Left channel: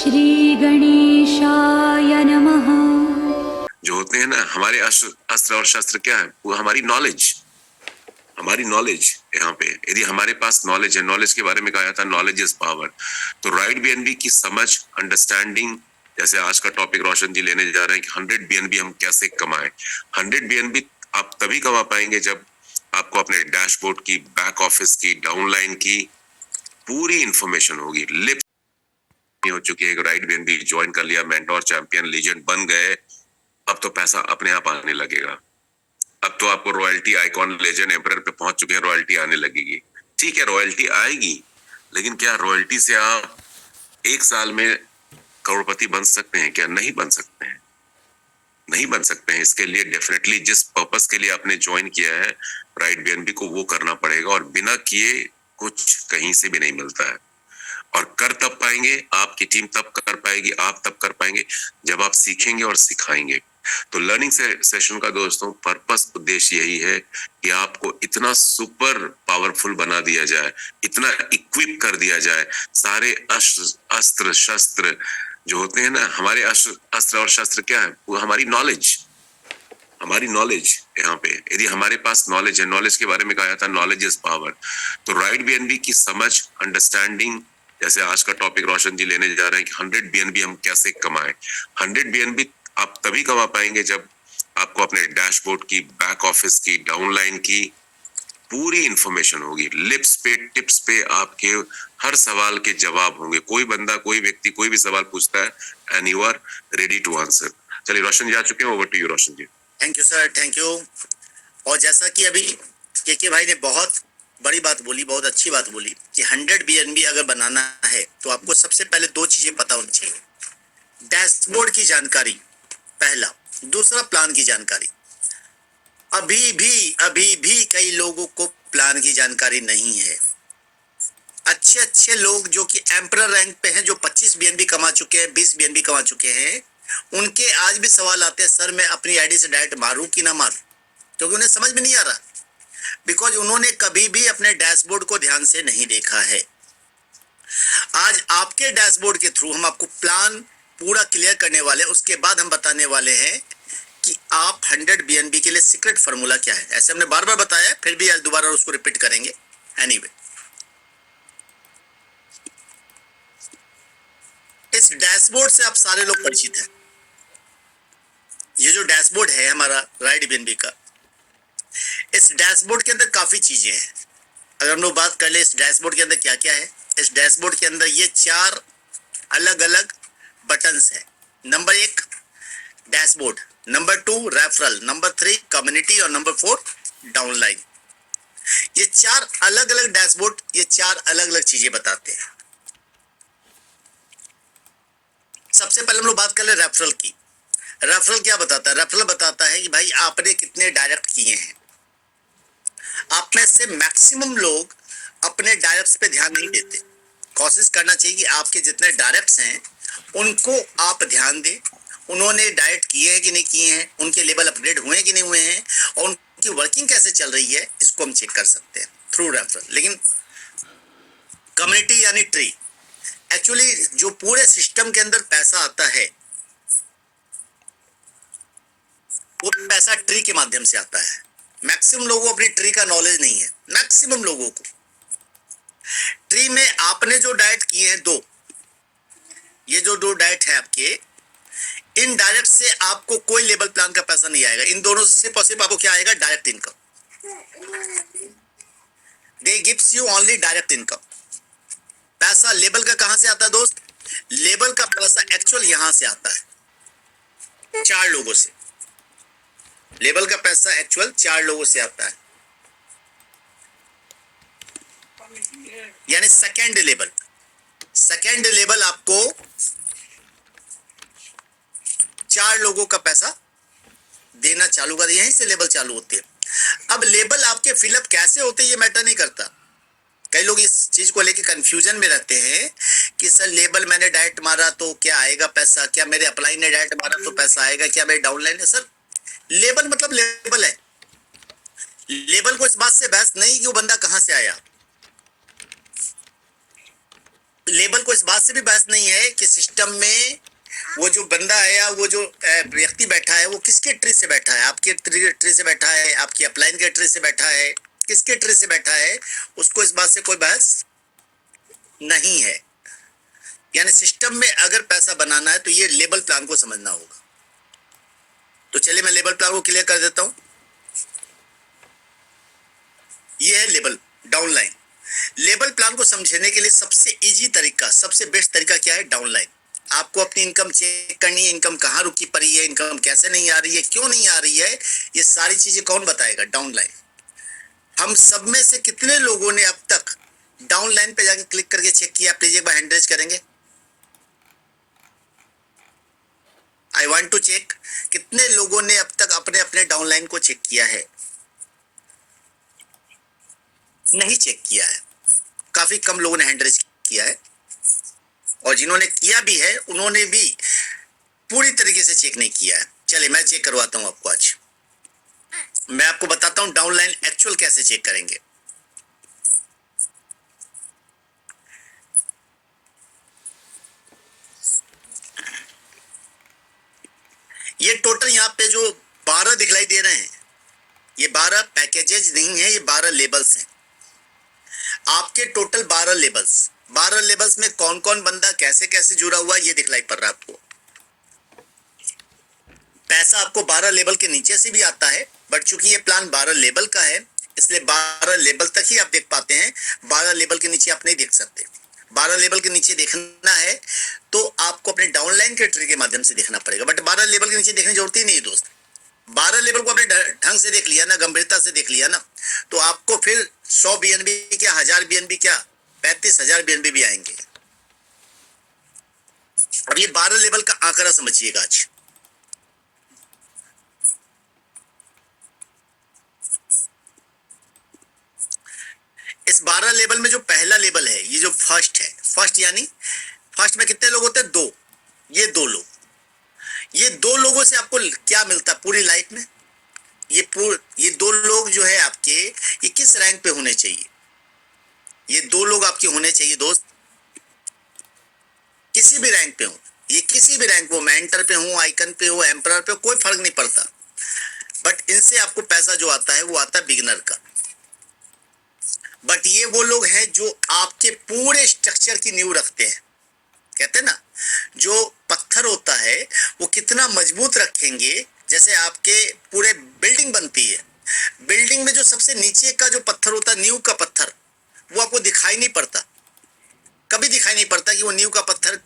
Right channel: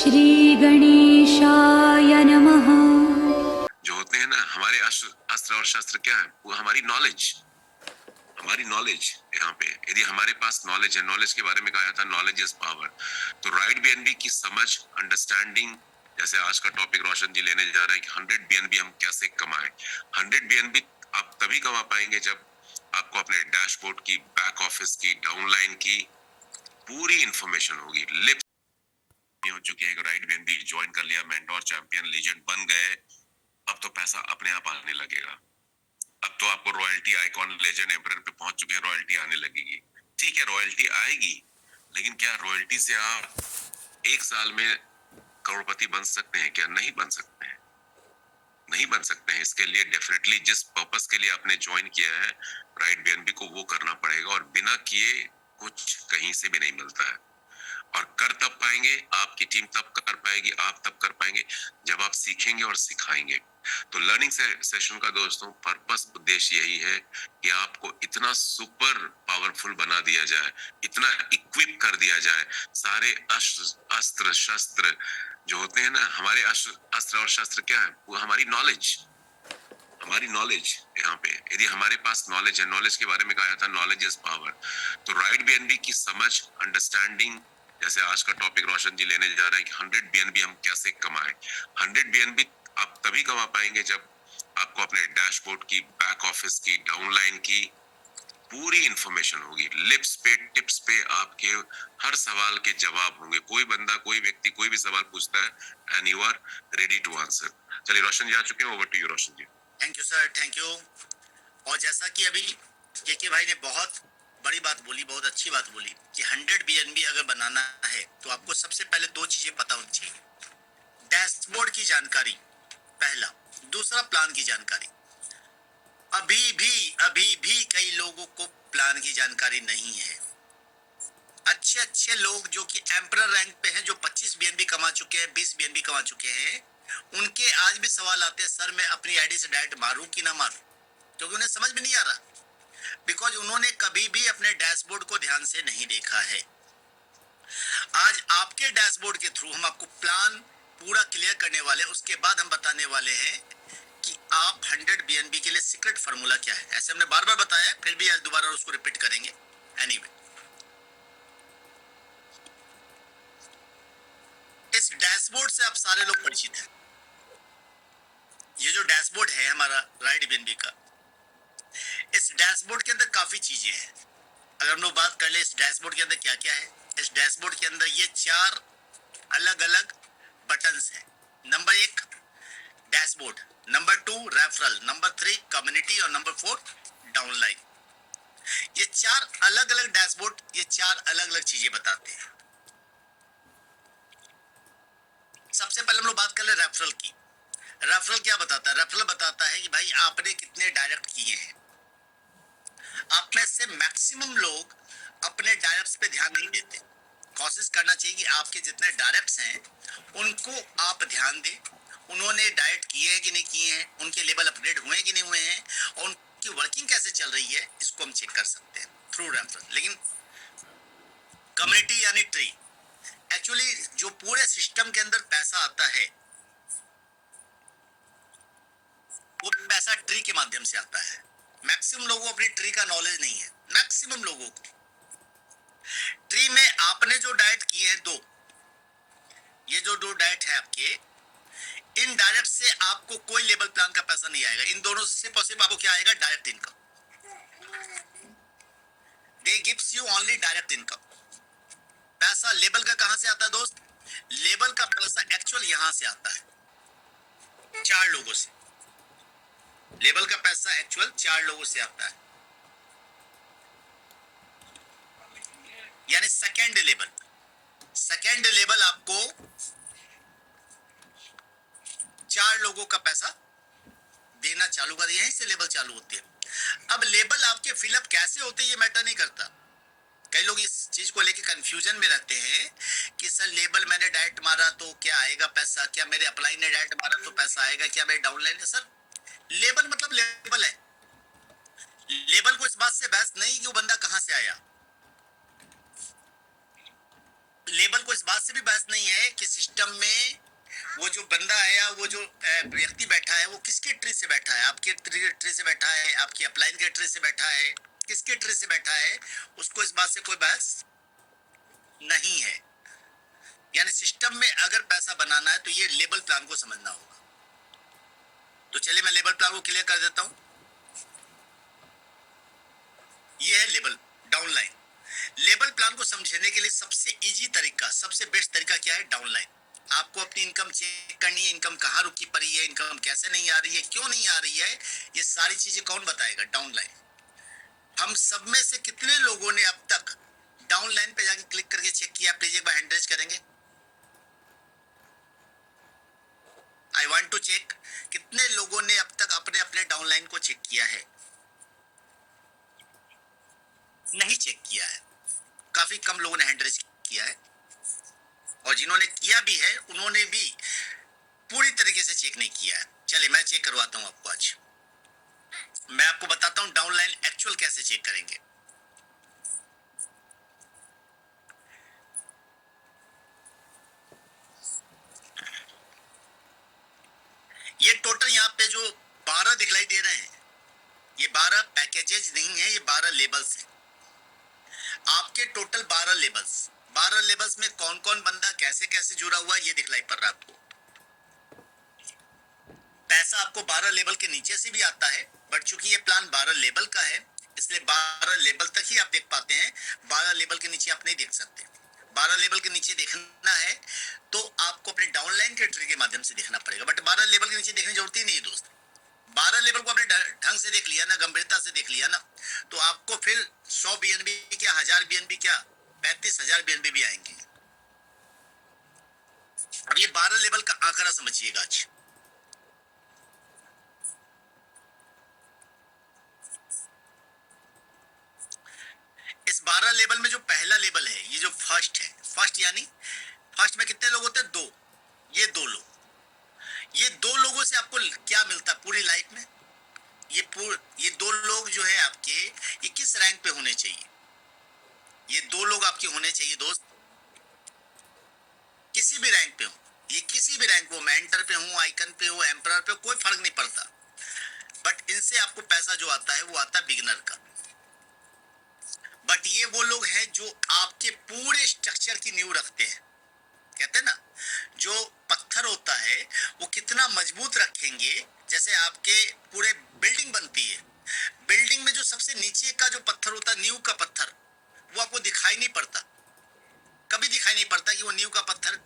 श्री गणेशाय नमः। जो होते हैं ना हमारे अस्त्र और शस्त्र क्या है, वो हमारी नॉलेज यहाँ पे। यदि हमारे पास नॉलेज है, नॉलेज के बारे में कहा था नॉलेज इज पावर, तो राइट बीएनबी की समझ, अंडरस्टैंडिंग, जैसे आज का टॉपिक रोशन जी लेने जा रहे हैं कि 100 बीएनबी हम कैसे कमाएं। 100 बीएनबी आप तभी कमा पाएंगे जब आपको अपने डैशबोर्ड की, बैक ऑफिस की, डाउनलाइन की पूरी इंफॉर्मेशन होगी। लिप हो चुकी है, राइट बीएनबी ज्वाइन कर लिया, मेंटोर, चैंपियन, लीजेंड बन गए, अब तो पैसा अपने आप आने लगेगा। अब तो आपको रॉयल्टी, आइकॉन, लेजेंड, एम्परर पे पहुंच चुके हैं, रॉयल्टी आने लगेगी। ठीक है, रॉयल्टी आएगी, लेकिन क्या रॉयल्टी से आप एक साल में करोड़पति बन सकते हैं? क्या नहीं बन सकते हैं? नहीं बन सकते हैं। इसके लिए डेफिनेटली जिस पर्पस के लिए आपने ज्वाइन किया है राइट बीएनबी को, वो करना पड़ेगा, और बिना किए कुछ कहीं से भी नहीं मिलता है। और कर तब पाएंगे, आपकी टीम तब कर पाएगी, आप तब कर पाएंगे जब आप सीखेंगे और सिखाएंगे। तो लर्निंग सेशन का दोस्तों पर्पस, उद्देश्य यही है कि आपको इतना सुपर पावरफुल बना दिया जाए, इतना इक्विप कर दिया जाए, सारे अस्त्र शस्त्र जो होते हैं ना हमारे अस्त्र और शस्त्र क्या है, वो हमारी नॉलेज यहाँ पे। यदि हमारे पास नॉलेज है, नॉलेज के बारे में कहा था नॉलेज इज पावर, तो राइट बीएनबी की समझ, अंडरस्टैंडिंग, जैसे आज का टॉपिक रोशन जी लेने जा रहे हैं कि 100 बीएनबी हम कैसे कमाएं। 100 बीएनबी आप तभी कमा पाएंगे जब आपको अपने डैशबोर्ड की, बैक ऑफिस की, डाउनलाइन की पूरी इंफॉर्मेशन होगी। लिप्स पे, टिप्स पे आपके हर सवाल के जवाब होंगे। कोई बंदा, कोई व्यक्ति कोई भी सवाल पूछता है and you are ready to answer. चलिए रोशन जी आ चुके हैं, over to you Roshan ji. Thank you sir, thank you. और जैसा कि अभी के भाई ने बहुत बड़ी बात बोली, बहुत अच्छी बात बोली कि 100 बीएनबी अगर बनाना है तो आपको सबसे पहले दो चीजें पता होनी चाहिए। डैशबोर्ड की जानकारी पहला, दूसरा प्लान की जानकारी। अभी भी कई लोगों को प्लान की जानकारी नहीं है। अच्छे लोग जो कि एम्परर रैंक पे हैं, जो 25 बीएनबी कमा चुके हैं, 20 बीएनबी कमा चुके हैं, उनके आज भी सवाल आते हैं, सर मैं अपनी आईडी से डायरेक्ट मारूं कि ना मारूं, क्योंकि उन्हें समझ में नहीं आ रहा, बिकॉज उन्होंने कभी भी अपने डैशबोर्ड को ध्यान से नहीं देखा है। आज आपके डैशबोर्ड के थ्रू हम आपको प्लान पूरा क्लियर करने वाले हैं। उसके बाद हम बताने वाले हैं कि आप 100 बीएनबी के लिए सीक्रेट फार्मूला क्या है। ऐसे हमने बार बार बताया, फिर भी आज दोबारा उसको रिपीट करेंगे। एनीवे, इस डैशबोर्ड से आप सारे लोग परिचित हैं। ये जो डैशबोर्ड है हमारा राइट बीएनबी का, इस डैशबोर्ड के अंदर काफी चीजें हैं। अगर हम लोग बात कर ले इस डैशबोर्ड के अंदर क्या क्या है, इस डैशबोर्ड के अंदर ये 4 अलग अलग बटन्स हैं। Number 1 dashboard, number 2 referral, number 3 community और नंबर 4 डाउनलाइन। ये 4 अलग अलग डैशबोर्ड, ये 4 अलग अलग चीजें बताते हैं। सबसे पहले हम लोग बात कर ले रेफरल की। रेफरल क्या बताता है? रेफरल बताता है कि भाई आपने कितने डायरेक्ट किए हैं। आप में से मैक्सिमम लोग अपने डायरेक्ट्स पे ध्यान नहीं देते। कोशिश करना चाहिए कि आपके जितने डायरेक्ट्स हैं उनको आप ध्यान दें। उन्होंने डायरेक्ट किए हैं कि नहीं किए हैं, उनके लेवल अपग्रेड हुए हैं कि नहीं हुए हैं, और उनकी वर्किंग कैसे चल रही है, इसको हम चेक कर सकते हैं थ्रू रेफरल। लेकिन कम्युनिटी यानी ट्री, एक्चुअली जो पूरे सिस्टम के अंदर पैसा आता है वो पैसा ट्री के माध्यम से आता है। मैक्सिमम लोगों को अपनी ट्री का नॉलेज नहीं है। मैक्सिमम लोगों को ट्री में आपने जो डायरेक्ट किए हैं 2, ये जो 2 डायरेक्ट है आपके, इन डायरेक्ट से आपको कोई लेवल प्लान का पैसा नहीं आएगा। इन दोनों से सिर्फ और सिर्फ आपको क्या आएगा? Direct income. They gives you only direct income. पैसा लेवल का कहां से आता है दोस्त? लेवल का पैसा एक्चुअल यहां से आता है 4 लोगों से। लेवल का पैसा एक्चुअल 4 लोगों से आता है, यानी सेकेंड लेवल। सेकेंड लेवल आपको 4 लोगों का पैसा देना चालू कर, यहीं से लेवल चालू होते हैं। अब लेवल आपके फिलअप कैसे होते हैं ये मैटर नहीं करता। कई लोग इस चीज को लेके कंफ्यूजन में रहते हैं कि सर लेबल मैंने डायरेक्ट मारा तो क्या आएगा पैसा, क्या मेरे अपलाइन ने डायरेक्ट मारा तो पैसा आएगा, क्या मेरे डाउनलाइन है? सर लेबल मतलब लेबल है। लेबल को इस बात से बहस नहीं कि वो बंदा कहां से आया। लेबल को इस बात से भी बहस नहीं है कि सिस्टम सिस्टम में वो जो बंदा आया, वो जो व्यक्ति बैठा है, वो किसके ट्री से बैठा है? आपके ट्री से बैठा है, आपकी अपलाइन के ट्री से बैठा है, किसके ट्री से बैठा है? उसको इस बात से कोई बहस नहीं है। यानी सिस्टम में अगर पैसा बनाना है तो ये लेबल प्लान को समझना होगा। तो चलिए मैं लेबल प्लान को क्लियर कर देता हूं। ये है लेबल डाउनलाइन। लेबल प्लान को समझने के लिए सबसे इजी तरीका, सबसे बेस्ट तरीका क्या है? डाउनलाइन। आपको अपनी इनकम चेक करनी है, इनकम कहाँ रुकी पड़ी है, इनकम कैसे नहीं आ रही है, क्यों नहीं आ रही है, ये सारी चीजें कौन बताएगा? डाउनलाइन। हम सब में से कितने लोगों ने अब तक डाउनलाइन पे जाके क्लिक करके चेक किया? प्लीज एक बार हैंड रेज करेंगे। आई वांट टू चेक, कितने लोगों ने अब तक अपने अपने डाउनलाइन को चेक किया है? नहीं चेक किया है। काफी कम लोगों ने हैंड रेज किया है, और जिन्होंने किया भी है उन्होंने भी पूरी तरीके से चेक नहीं किया है। चलिए मैं चेक करवाता हूं आपको। आज मैं आपको बताता हूं डाउनलाइन एक्चुअल कैसे चेक करेंगे। ये टोटल यहाँ पे जो 12 दिखलाई दे रहे हैं, ये 12 पैकेजेस नहीं है, ये 12 लेबल्स हैं। आपके टोटल 12 लेबल्स, 12 लेबल्स में कौन कौन बंदा कैसे कैसे जुड़ा हुआ ये दिखलाई पड़ रहा है आपको। पैसा आपको 12 लेबल के नीचे से भी आता है, बट चूंकि ये प्लान 12 लेबल का है इसलिए 12 लेबल तक ही आप देख पाते हैं। 12 लेबल के नीचे आप नहीं देख सकते। 12 लेबल के नीचे देखना है तो आपको अपने डाउनलाइन के ट्री के माध्यम से देखना पड़ेगा, बट 12 लेबल के नीचे देखने की जरूरत ही नहीं है दोस्त। 12 लेवल को आपने ढंग से देख लिया ना, गंभीरता से देख लिया ना, तो आपको फिर 100 बीएनबी क्या, 1000 बीएनबी क्या, 35,000 बीएनबी भी आएंगे। अब ये 12 लेवल का आंकड़ा समझिएगा। आज इस 12 लेवल में जो पहला लेवल है, ये जो फर्स्ट है, फर्स्ट यानी फर्स्ट में कितने लोग होते हैं? 2। ये 2 लोग, ये 2 लोगों से आपको क्या मिलता है पूरी लाइफ में? ये 2 लोग जो है आपके, ये किस रैंक पे होने चाहिए? ये 2 लोग आपके होने चाहिए दोस्त, किसी भी रैंक पे हो, ये किसी भी रैंक पे, मेंटर पे हो, आइकन पे हो, एम्परर पे हो, कोई फर्क नहीं पड़ता। बट इनसे आपको पैसा जो आता है वो आता है बिगिनर का। बट ये वो लोग हैं जो आपके पूरे स्ट्रक्चर की नींव रखते हैं। कहते हैं ना, जो पत्थर होता है वो कितना मजबूत रखेंगे, जैसे आपके पूरे बिल्डिंग बनती है, बिल्डिंग में जो सबसे नीचे का जो पत्थर होता है, नींव का पत्थर, वो आपको दिखाई नहीं पड़ता, कभी दिखाई नहीं पड़ता कि वो नींव का पत्थर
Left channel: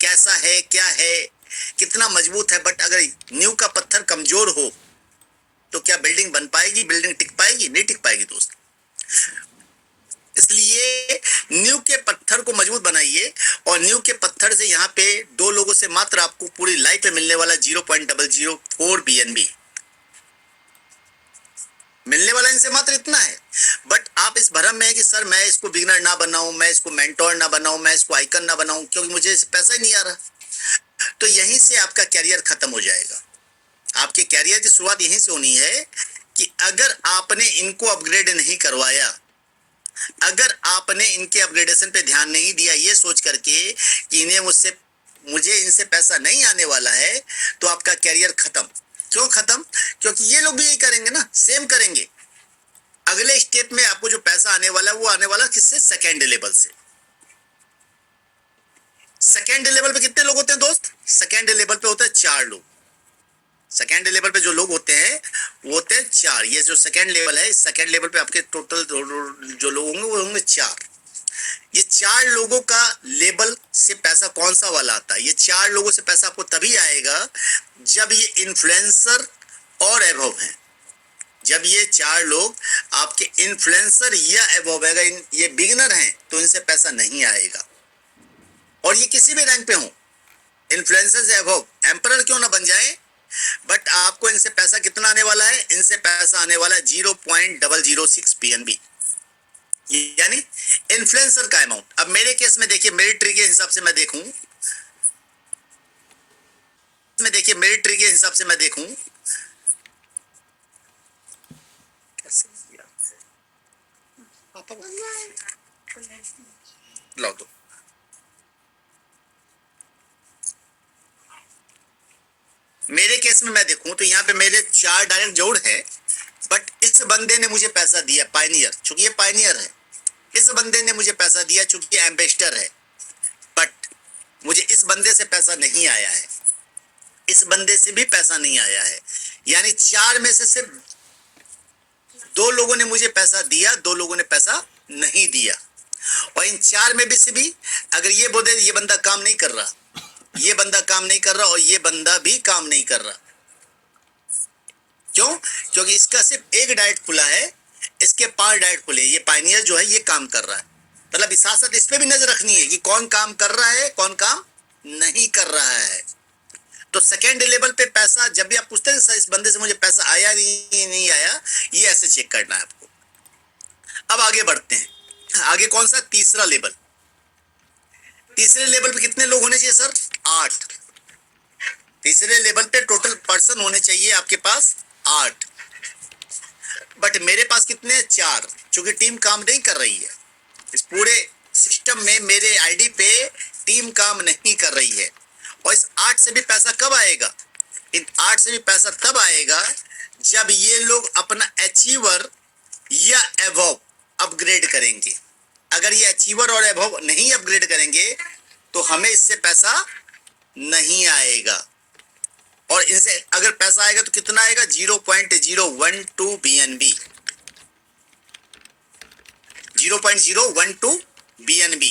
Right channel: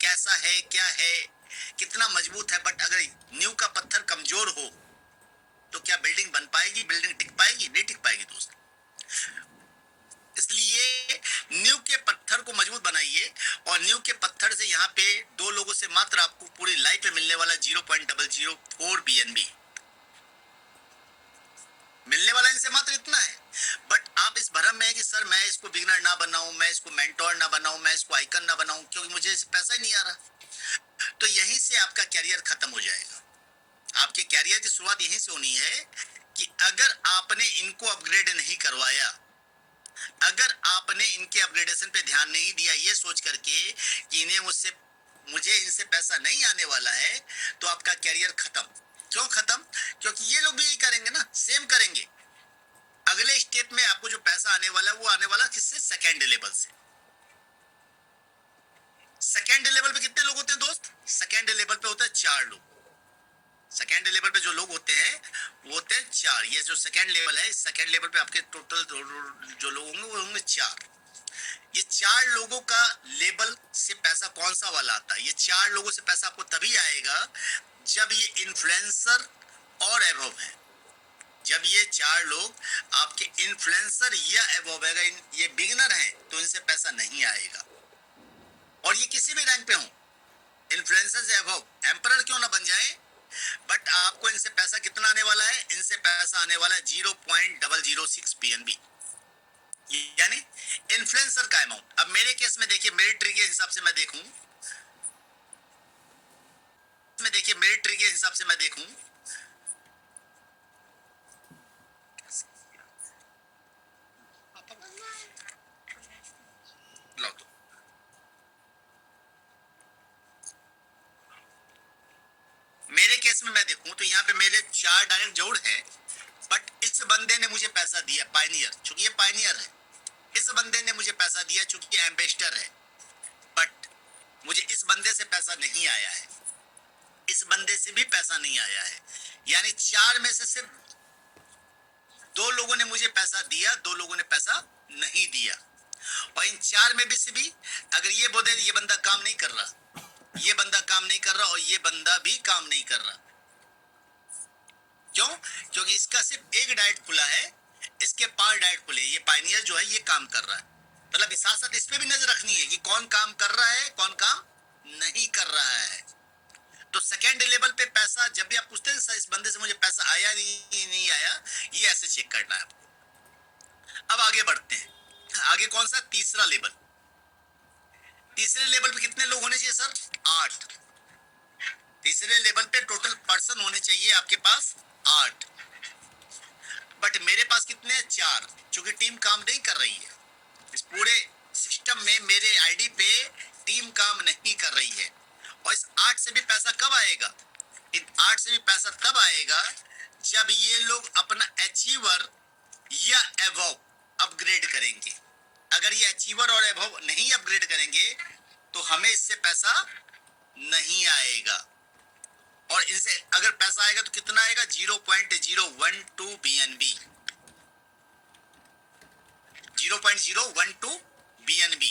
कैसा है, क्या है, कितना मजबूत है। बट अगर नींव का पत्थर कमजोर हो तो क्या बिल्डिंग बन पाएगी? बिल्डिंग टिक पाएगी? नहीं टिक पाएगी दोस्त। इसलिए नींव के पत्थर को मजबूत बनाइए, और नींव के पत्थर से यहाँ पे 2 लोगों से मात्र आपको पूरी लाइफ में मिलने वाला 0.004 बीएनबी मिलने वाला, इनसे मात्र इतना है। बट आप इस भ्रम में है कि सर मैं इसको बिगिनर ना बनाऊं, मैं इसको मेंटोर ना बनाऊं, मैं इसको आइकन ना बनाऊं, क्योंकि मुझे पैसा ही नहीं आ रहा। तो यहीं से आपका कैरियर खत्म हो जाएगा। आपके कैरियर की शुरुआत यहीं से होनी है कि अगर आपने इनको अपग्रेड नहीं करवाया, अगर आपने इनके अपग्रेडेशन पे ध्यान नहीं दिया ये सोच करके कि मुझे इनसे पैसा नहीं आने वाला है, तो आपका कैरियर खत्म। क्यों खत्म? क्योंकि ये लोग भी यही करेंगे ना, सेम करेंगे। अगले स्टेप में आपको जो पैसा आने वाला है वो आने वाला किससे? सेकेंड लेवल से। सेकेंड लेवल पे कितने लोग होते हैं दोस्त? सेकेंड लेवल पे होते हैं 4 लोग। सेकेंड लेवल पे जो लोग होते हैं वो होते हैं 4। ये जो सेकेंड लेवल है, इस सेकेंड लेवल पे आपके टोटल जो लोग होंगे वो होंगे 4। ये 4 लोगों का लेवल से पैसा कौन सा वाला आता है? ये 4 लोगों से पैसा आपको तभी आएगा जब ये इन्फ्लुएंसर और एबव हैं। जब ये 4 लोग आपके इन्फ्लुएंसर या एबव है, ये बिगिनर हैं, तो इनसे पैसा नहीं आएगा। और ये किसी भी रैंक पे हो, इन्फ्लुएंसर से एबव, एम्परर क्यों ना बन जाए, बट आपको इनसे पैसा कितना आने वाला है? इनसे पैसा आने वाला है 0.006 पीएनबी, यानी इन्फ्लुएंसर का अमाउंट। अब मेरे केस में देखिए, मेरी ट्री के हिसाब से मैं देखूं, मेरी ट्री के हिसाब से मैं देखूं, लाओ तो मेरे केस में मैं देखूं तो यहाँ पे मेरे 4 डायरेक्ट जोड़ है, बट इस बंदे ने मुझे पैसा दिया पायनियर, चूंकि ये पायनियर है। इस बंदे ने मुझे पैसा दिया चूंकि एम्बेसडर है, बट मुझे इस बंदे से पैसा नहीं आया है, इस बंदे से भी पैसा नहीं आया है। यानी 4 में से सिर्फ 2 लोगों ने मुझे पैसा दिया, 2 लोगों ने पैसा नहीं दिया। और इन 4 में भी से भी अगर ये बोले ये बंदा काम नहीं कर रहा, ये बंदा काम नहीं कर रहा और ये बंदा भी काम नहीं कर रहा, क्यों? क्योंकि इसका सिर्फ एक डाइट खुला है, इसके 5 डाइट खुले। ये पायनियर जो है ये काम कर रहा है, मतलब साथ साथ इस पे भी नजर रखनी है कि कौन काम कर रहा है, कौन काम नहीं कर रहा है। तो सेकेंड लेवल पे पैसा जब भी आप पूछते हैं इस बंदे से मुझे पैसा आया नहीं आया, ये ऐसे चेक करना है आपको। अब आगे बढ़ते हैं, आगे कौन सा? तीसरा लेवल। तीसरे लेवल पे कितने लोग होने चाहिए सर? 8। तीसरे लेवल पे टोटल पर्सन होने चाहिए आपके पास 8, बट मेरे पास कितने? 4, क्योंकि टीम काम नहीं कर रही है। इस पूरे सिस्टम में मेरे आईडी पे टीम काम नहीं कर रही है। और इस 8 से भी पैसा कब आएगा? इन 8 से भी पैसा तब आएगा जब ये लोग अपना अचीवर या एबव अपग्रेड करेंगे। अगर ये अचीवर और एबव नहीं अपग्रेड करेंगे तो हमें इससे पैसा नहीं आएगा। और इनसे अगर पैसा आएगा तो कितना आएगा? 0.012 BNB, 0.012 BNB।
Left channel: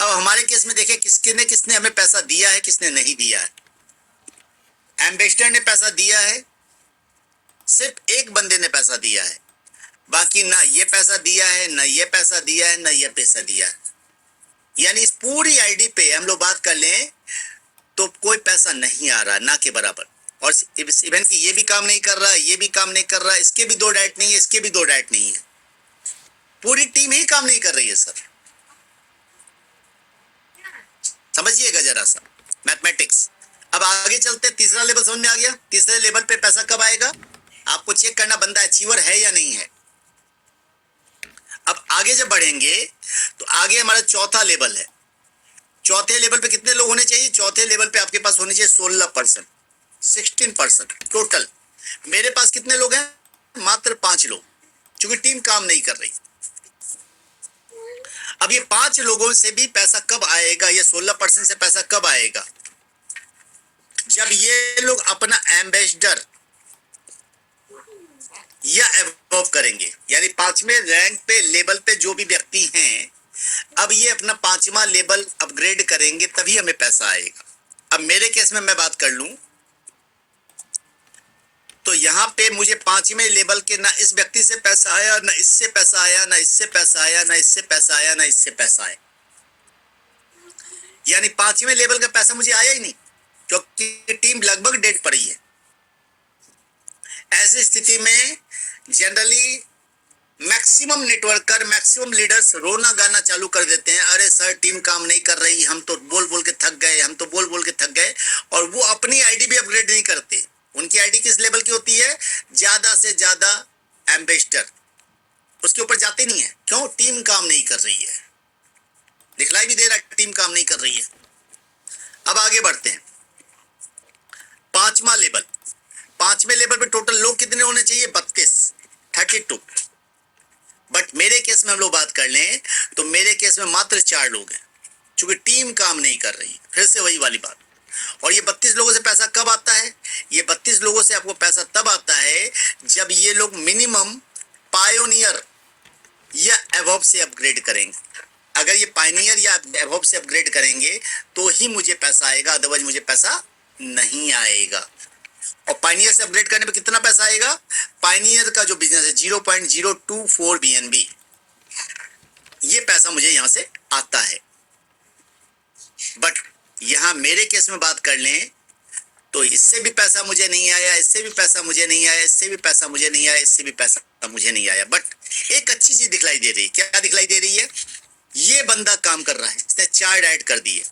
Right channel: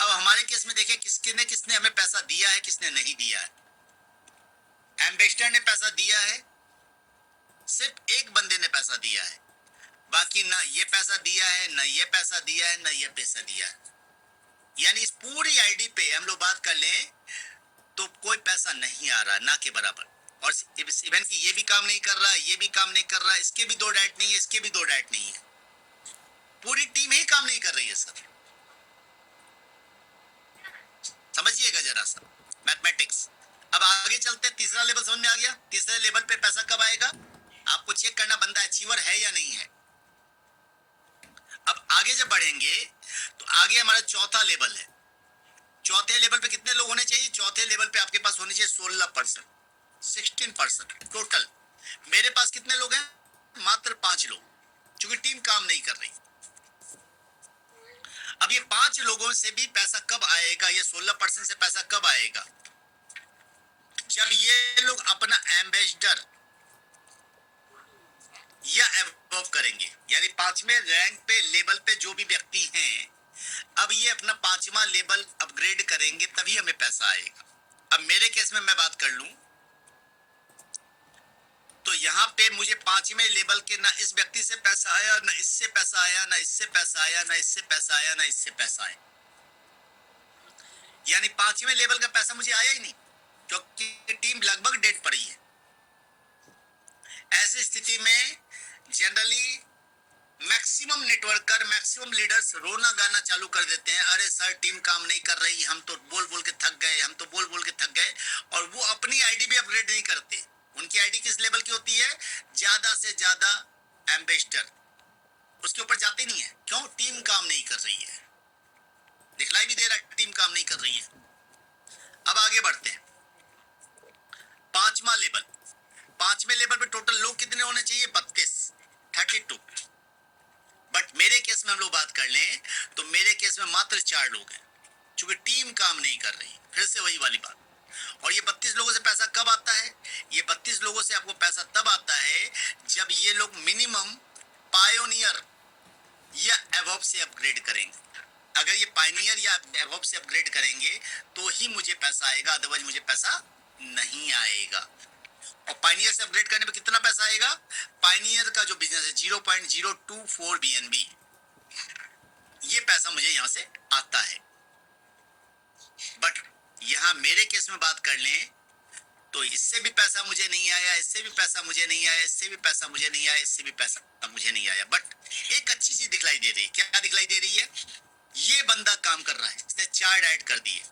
अब हमारे केस में देखिए किसने हमें पैसा दिया है, किसने नहीं दिया है। एम्बेसडर ने पैसा दिया है, सिर्फ एक बंदे ने पैसा दिया है, बाकी ना ये पैसा दिया है, ना ये पैसा दिया है, ना ये पैसा दिया है। यानी इस पूरी आईडी पे हम लोग बात कर लें तो कोई पैसा नहीं आ रहा, ना के बराबर। और इवन कि ये भी काम नहीं कर रहा, ये भी काम नहीं कर रहा, इसके भी 2 डाइट नहीं है, इसके भी 2 डाइट नहीं है, पूरी टीम ही काम नहीं कर रही है सर। समझिएगा जरा सा मैथमेटिक्स। अब आगे चलते हैं, तीसरा लेवल समझ में आ गया। तीसरे लेवल पे पैसा कब आएगा? आपको चेक करना बंदा अचीवर है या नहीं है। अब आगे जब बढ़ेंगे तो आगे हमारा चौथा लेवल है। चौथे लेवल पे कितने लोग होने चाहिए? चौथे लेवल पे आपके पास होने चाहिए 16%, 16% टोटल। मेरे पास कितने लोग हैं? मात्र 5 लोग, क्योंकि टीम काम नहीं कर रही। अब ये 5 लोगों से भी पैसा कब आएगा? ये 16% से पैसा कब आएगा? जब ये लोग अपना एम्बेसडर या एबव करेंगे। यानी 5वें रैंक पे लेवल पे जो भी व्यक्ति हैं, अब ये अपना 5वां लेवल अपग्रेड करेंगे तभी हमें पैसा आएगा। अब मेरे केस में मैं बात कर लूं तो यहाँ पे मुझे 5वें लेवल के ना इस व्यक्ति से पैसा आया, ना इससे पैसा आया, ना इससे पैसा आया, ना इससे पैसा आया, ना इससे पैसा आया। यानी 5वें लेवल का पैसा मुझे आया ही नहीं, क्योंकि टीम लगभग डेड पड़ी है। ऐसी स्थिति में generally maximum networker, maximum leaders रोना गाना चालू कर देते हैं, अरे सर टीम काम नहीं कर रही, हम तो बोल बोल के थक गए, हम तो बोल बोल के थक गए। और वो अपनी आईडी भी अपग्रेड नहीं करते। उनकी आईडी किस लेवल की होती है? ज्यादा से ज्यादा एम्बेसडर, उसके ऊपर जाते नहीं है। क्यों? टीम काम नहीं कर रही है, दिखलाई भी दे रहा है टीम काम नहीं कर रही है। अब आगे बढ़ते हैं, 5वां लेवल। 5वें लेवल पे टोटल लोग कितने होने चाहिए? 32। बट मेरे केस में हम लोग बात कर लें तो मेरे केस में मात्र 4 लोग हैं, क्योंकि टीम काम नहीं कर रही। फिर से वही वाली बात। और ये 32 लोगों से पैसा कब आता है? ये 32 लोगों से आपको पैसा तब आता है जब ये लोग मिनिमम पायोनियर या एबव से अपग्रेड करेंगे। अगर ये पायनियर या एबव से अपग्रेड करेंगे तो ही मुझे पैसा आएगा, अदरवाइज मुझे पैसा नहीं आएगा। और पायनियर से अपग्रेड करने पे कितना पैसा आएगा? पायनियर का जो बिजनेस है 0.024 BNB, ये पैसा मुझे यहां से आता है। बट यहां मेरे केस में बात कर लें तो इससे भी पैसा मुझे नहीं आया, इससे भी पैसा मुझे नहीं आया, इससे भी पैसा मुझे नहीं आया, इससे भी पैसा मुझे नहीं आया। बट एक अच्छी चीज दिखलाई दे रही है। क्या दिखलाई दे रही है? ये बंदा काम कर रहा है, इसने 4 डाइट कर दिए।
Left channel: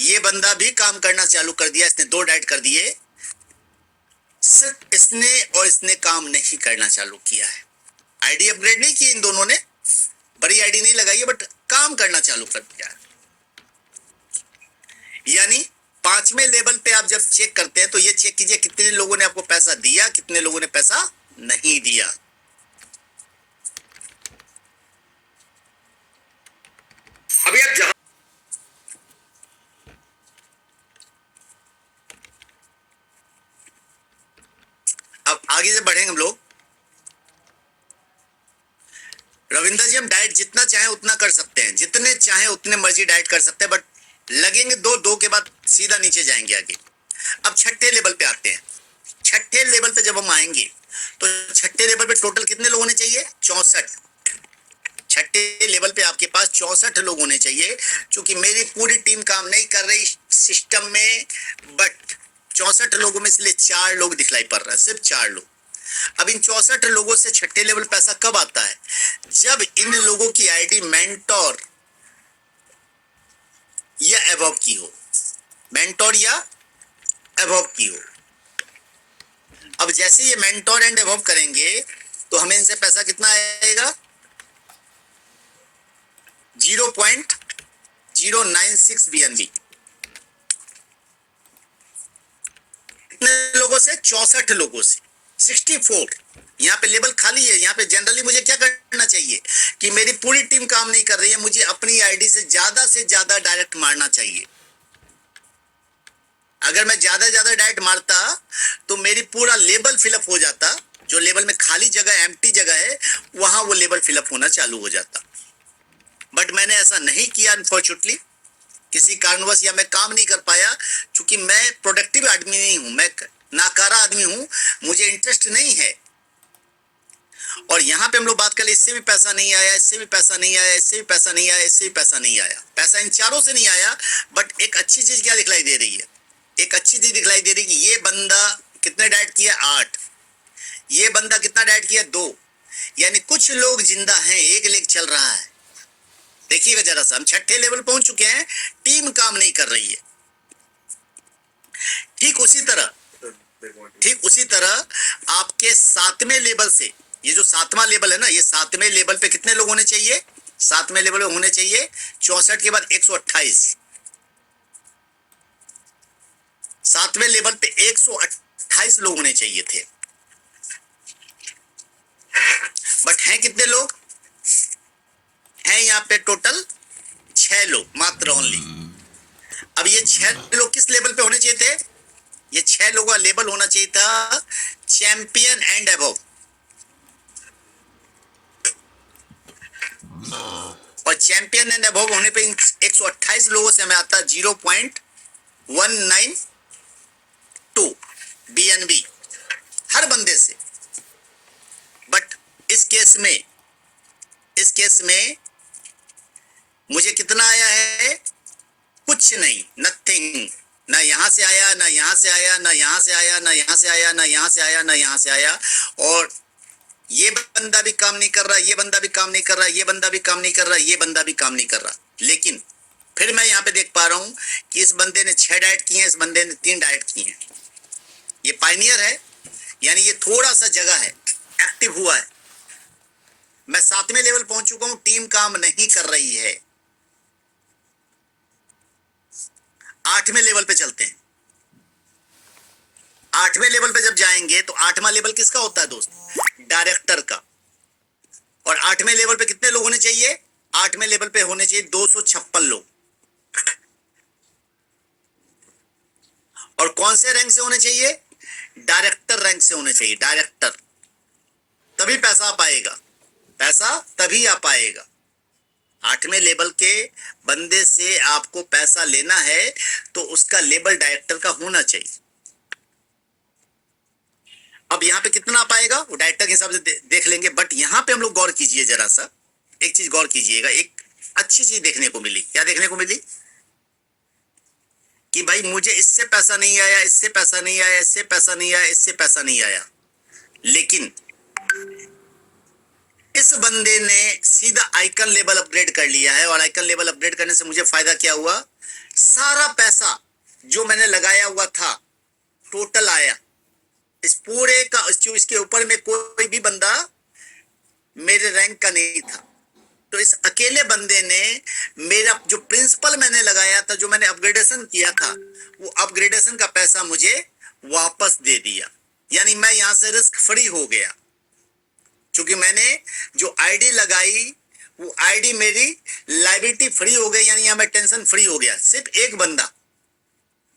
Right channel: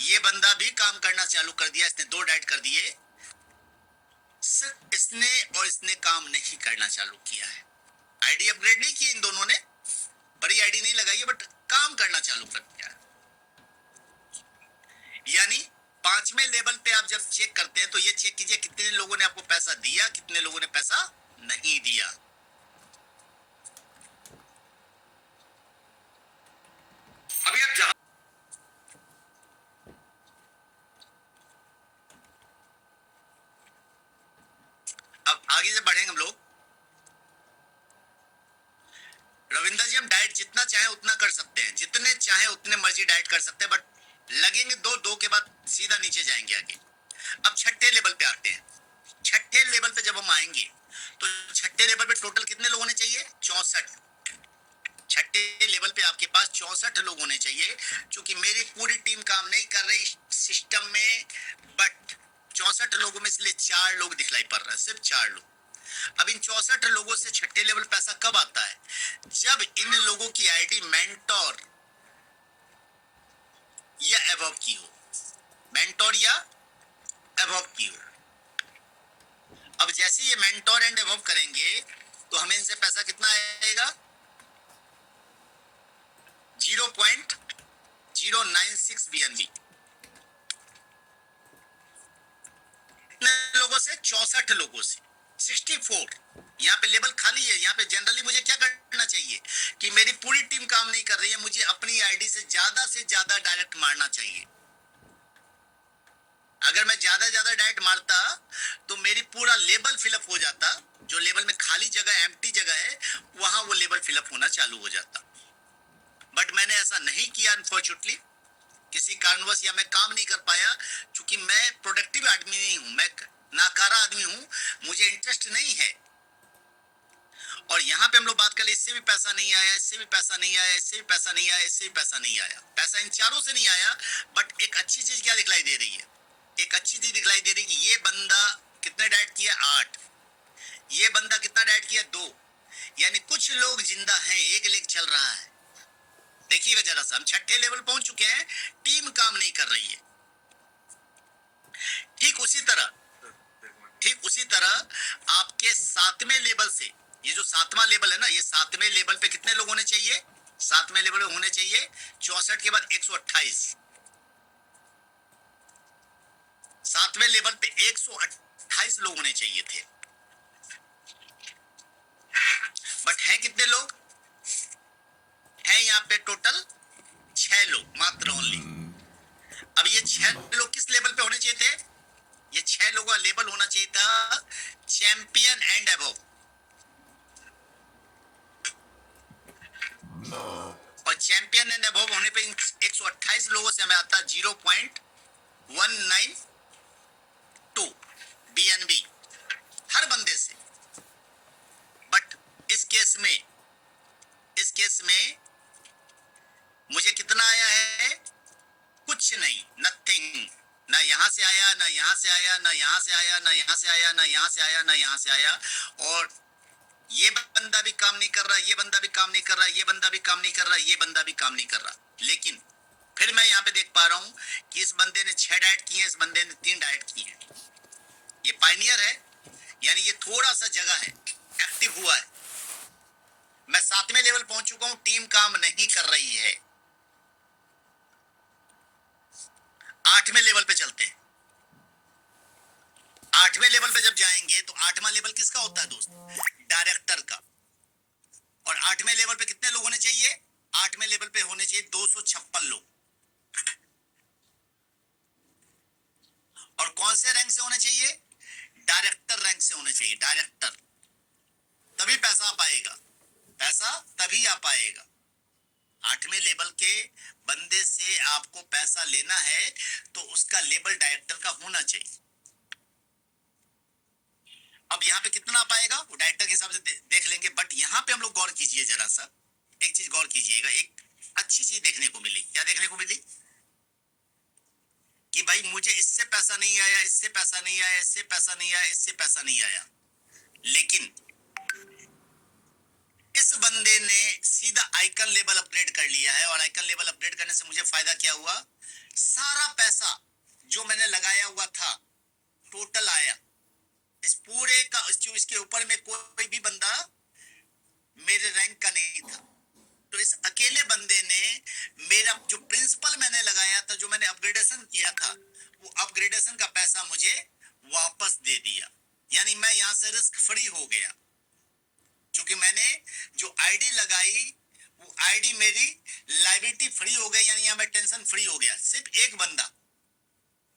ये बंदा भी काम करना चालू कर दिया, इसने 2 डाइट कर दिए। सिर्फ इसने और इसने काम नहीं करना चालू किया है। आईडी अपग्रेड नहीं की इन दोनों ने, बड़ी आईडी नहीं लगाई है, बट काम करना चालू कर दिया है। यानी 5वें लेवल पे आप जब चेक करते हैं तो ये चेक कीजिए कितने लोगों ने आपको पैसा दिया, कितने लोगों ने पैसा नहीं दिया। अभी आप जहां अब आगे से बढ़ेंगे हम लोग। रविंदर जी, हम डाइट जितना चाहे उतना कर सकते हैं, जितने चाहे उतने मर्जी डाइट कर सकते हैं, बट लगेंगे दो के बाद सीधा नीचे जाएंगे आगे। अब छठे लेवल पे आते हैं। छठे लेवल पे जब हम आएंगे तो छठे लेवल पे टोटल कितने लोग होने चाहिए? 64। छठे लेवल पे आपके पास 64 लोग होने चाहिए। क्योंकि मेरी पूरी टीम काम नहीं कर रही सिस्टम में, बट 64 लोगों में से 4 लोग दिखलाई पड़ रहा है, सिर्फ 4 लोग। अब इन 64 लोगों से छठे लेवल पैसा कब आता है? जब इन लोगों की आईडी मेंटोर या एबव की हो, मेंटोर या एबव की हो। अब जैसे ये मेंटोर एंड एबव करेंगे तो हमें इनसे पैसा कितना आएगा? 0.096 BNB। कितने लोगों से? 64 लोगों से। 64। यहाँ पे लेवल खाली है। यहाँ पे जनरली मुझे क्या करना चाहिए कि मेरी पूरी टीम काम नहीं कर रही है, मुझे अपनी आईडी से ज्यादा डायरेक्ट मारना चाहिए। अगर मैं ज्यादा डायरेक्ट मारता तो मेरी पूरा लेवल फिलअप हो जाता। जो लेवल में खाली जगह, एम्प्टी जगह है, वहां वो लेवल फिलअप होना चालू हो जाता। बट मैंने ऐसा नहीं किया अनफॉर्चुनेटली, किसी कारणवश, या मैं काम नहीं कर पाया। क्योंकि मैं प्रोडक्टिव आदमी नहीं हूं, मैं नाकारा आदमी हूं, मुझे इंटरेस्ट नहीं है। और यहाँ पे हम लोग बात करें, इससे भी पैसा नहीं आया, इससे भी पैसा नहीं आया, इससे भी पैसा नहीं आया, इससे भी पैसा नहीं आया। पैसा इन चारों से नहीं आया। बट एक अच्छी चीज क्या दिखलाई दे रही है? एक अच्छी चीज दिखलाई दे रही है कि ये बंदा कितने डाइट किया? 8। ये बंदा कितना डाइट किया? 2। यानी कुछ लोग जिंदा हैं, एक लेग चल रहा है। देखिएगा जरा सा, हम छठे लेवल पहुंच चुके हैं, टीम काम नहीं कर रही है। ठीक उसी तरह आपके 7वें लेवल से, ये जो 7वां लेवल है ना, ये 7वें लेवल पे कितने लोग होने चाहिए? 7वें लेवल में होने चाहिए 64 के बाद 128। 7वें लेवल पे 128 लोग होने चाहिए थे। बट हैं कितने लोग? हैं यहाँ पे टोटल 6 लोग मात्र, ओनली। अब ये 6 लोग किस लेवल पे होने चाहिए थे? ये 6 लोगों का लेवल होना चाहिए था चैंपियन एंड अबव। और चैंपियन एंड अबव होने पे 128 लोगों से हमें आता 0.192 BNB हर बंदे से। बट इस केस में मुझे कितना आया है? कुछ नहीं, नथिंग। ना यहां से आया, ना यहां से आया, ना यहां से आया, ना यहां से आया, ना यहां से आया, ना यहां से आया। और ये बंदा भी काम नहीं कर रहा, ये बंदा भी काम नहीं कर रहा, ये बंदा भी काम नहीं कर रहा, ये बंदा भी काम नहीं कर रहा। लेकिन फिर मैं यहाँ पे देख पा रहा हूं कि इस बंदे ने 6 डाइट किए हैं, इस बंदे ने 3 डाइट किए हैं। ये पायनियर है, यानी ये थोड़ा सा जगह है, एक्टिव हुआ है। मैं 7वें लेवल पहुंच चुका हूं, टीम काम नहीं कर रही है। 8वें लेवल पे चलते हैं। 8वें लेवल पे जब जाएंगे तो 8वां लेवल किसका होता है दोस्त? डायरेक्टर का। और 8वें लेवल पे कितने लोग होने चाहिए? 8वें लेवल पे होने चाहिए 256 लोग। और कौन से रैंक से होने चाहिए? डायरेक्टर रैंक से होने चाहिए, डायरेक्टर। तभी पैसा आ पाएगा, पैसा तभी आ पाएगा। 8वें लेवल के बंदे से आपको पैसा लेना है तो उसका लेवल डायरेक्टर का होना चाहिए। अब यहाँ पे कितना आ पाएगा वो डायरेक्टर के हिसाब से देख लेंगे। बट यहाँ पे हम लोग गौर कीजिए जरा सा, एक चीज गौर कीजिएगा। एक अच्छी चीज देखने को मिली। क्या देखने को मिली? कि भाई मुझे इससे पैसा नहीं आया, इससे पैसा नहीं आया, इससे पैसा नहीं आया, इससे पैसा नहीं आया। लेकिन इस बंदे ने सीधा आइकन लेवल अपग्रेड कर लिया है। और आइकन लेवल अपग्रेड करने से मुझे फायदा क्या हुआ? सारा पैसा जो मैंने लगाया हुआ था टोटल आया। इस पूरे का, इसके ऊपर में कोई भी बंदा मेरे रैंक का नहीं था। तो इस अकेले बंदे ने मेरा जो प्रिंसिपल मैंने लगाया था, जो मैंने अपग्रेडेशन किया था, वो अपग्रेडेशन का पैसा मुझे वापस दे दिया, यानी मैं यहां से रिस्क फ्री हो गया, क्योंकि मैंने जो आईडी लगाई वो आईडी मेरी लायबिलिटी फ्री हो गई, यानी यहां मैं टेंशन फ्री हो गया। सिर्फ एक बंदा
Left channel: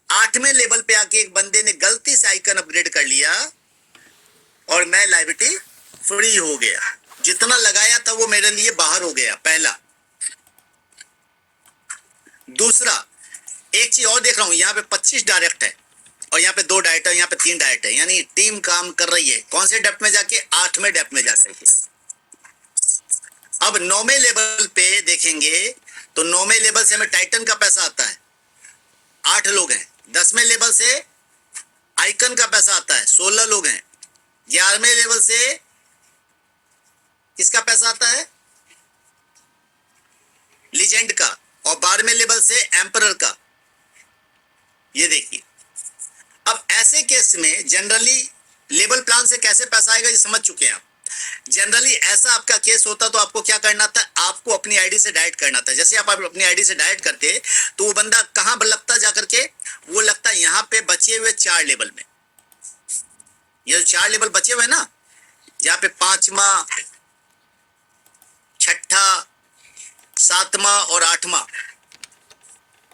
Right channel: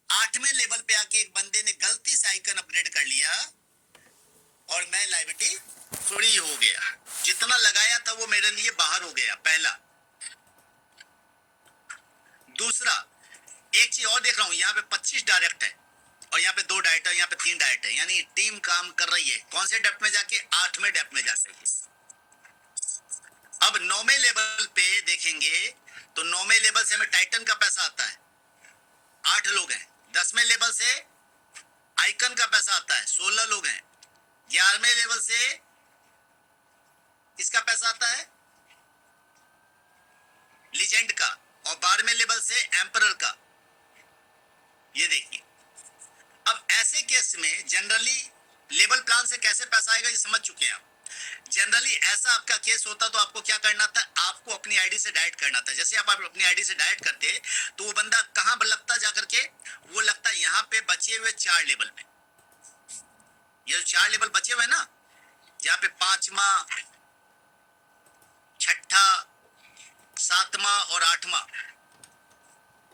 8वें लेवल पे आके एक बंदे ने गलती से आइकन अपग्रेड कर लिया और मैं लायबिलिटी फ्री हो गया, जितना लगाया था वो मेरे लिए बाहर हो गया, पहला। दूसरा, एक चीज और देख रहा हूं, यहाँ पे 25 डायरेक्ट है और यहाँ पे 2 डायरेक्ट है, यहाँ पे 3 डायरेक्ट है, यानी टीम काम कर रही है। कौन से डेप्थ में जाके? 8वें डेप्थ में जा सके। अब 9वें लेवल पे देखेंगे तो 9वें लेवल से हमें टाइटन का पैसा आता है, 8 लोग हैं। 10वें लेवल से आइकन का पैसा आता है, 16 लोग हैं। 11वें लेवल से किसका पैसा आता है? लीजेंड का। और 12वें लेवल से एम्परर का। ये देखिए, अब ऐसे केस में जनरली लेवल प्लान से कैसे पैसा आएगा ये समझ चुके हैं आप। जनरली ऐसा आपका केस होता तो आपको क्या करना था? आपको अपनी आईडी से डायरेक्ट करना था। जैसे आप अपनी आईडी से डायरेक्ट करते तो वो बंदा कहां लगता जाकर के? वो लगता यहाँ पे बचे हुए 4 लेवल में। ये 4 लेवल बचे हुए ना, यहाँ पे 5वां, 6ठा, 7वां और 8वां,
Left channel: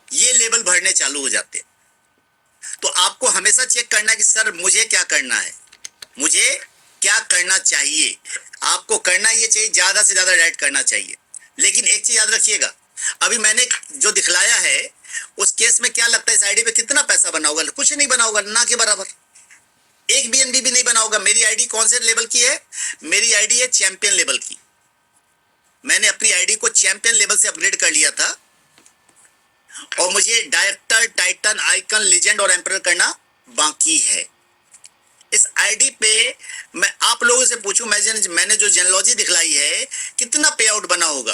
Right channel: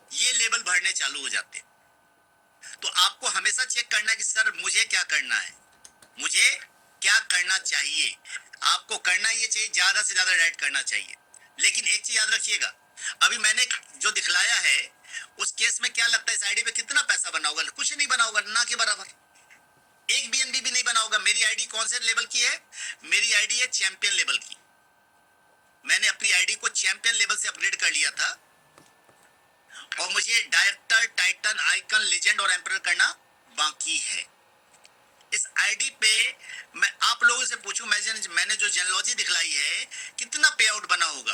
ये लेवल भरने चालू हो जाते हैं। तो आपको हमेशा चेक करना है कि सर मुझे क्या करना है, मुझे क्या करना चाहिए। आपको करना ये चाहिए, ज्यादा से ज्यादा डायरेक्ट करना चाहिए। लेकिन एक चीज याद रखिएगा, अभी मैंने जो दिखलाया है उस केस में क्या लगता है इस आईडी पे कितना पैसा बना होगा? कुछ नहीं बना होगा, ना के बराबर। एक बीएनबी भी नहीं बना होगा। मेरी आईडी कौन से लेवल की है? मेरी आईडी है चैंपियन लेवल की। मैंने अपनी आईडी को चैंपियन लेवल से अपग्रेड कर लिया था और मुझे डायरेक्टर, टाइटन, आइकन, लीजेंड और एम्परर करना बाकी है। इस आईडी पे मैं आप लोगों से पूछूं, मैंने जो जेनोलॉजी दिखलाई है, कितना पे आउट बना होगा?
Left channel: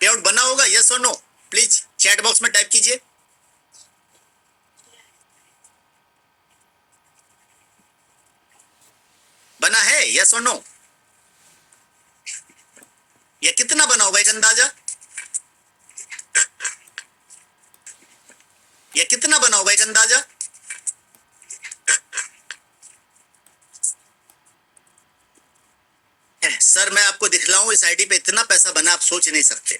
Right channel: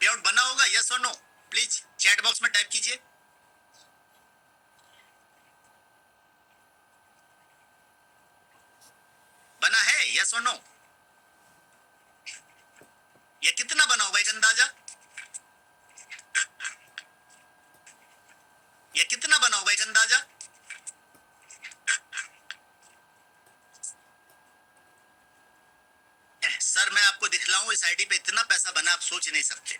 पे आउट बना होगा, यस और नो? प्लीज चैट बॉक्स में टाइप कीजिए। बना है, यस और नो? या कितना बना होगा एक अंदाजा? या कितना बना होगा एक अंदाजा? सर मैं आपको दिखलाऊं, इस आईडी पे इतना पैसा बना आप सोच नहीं सकते,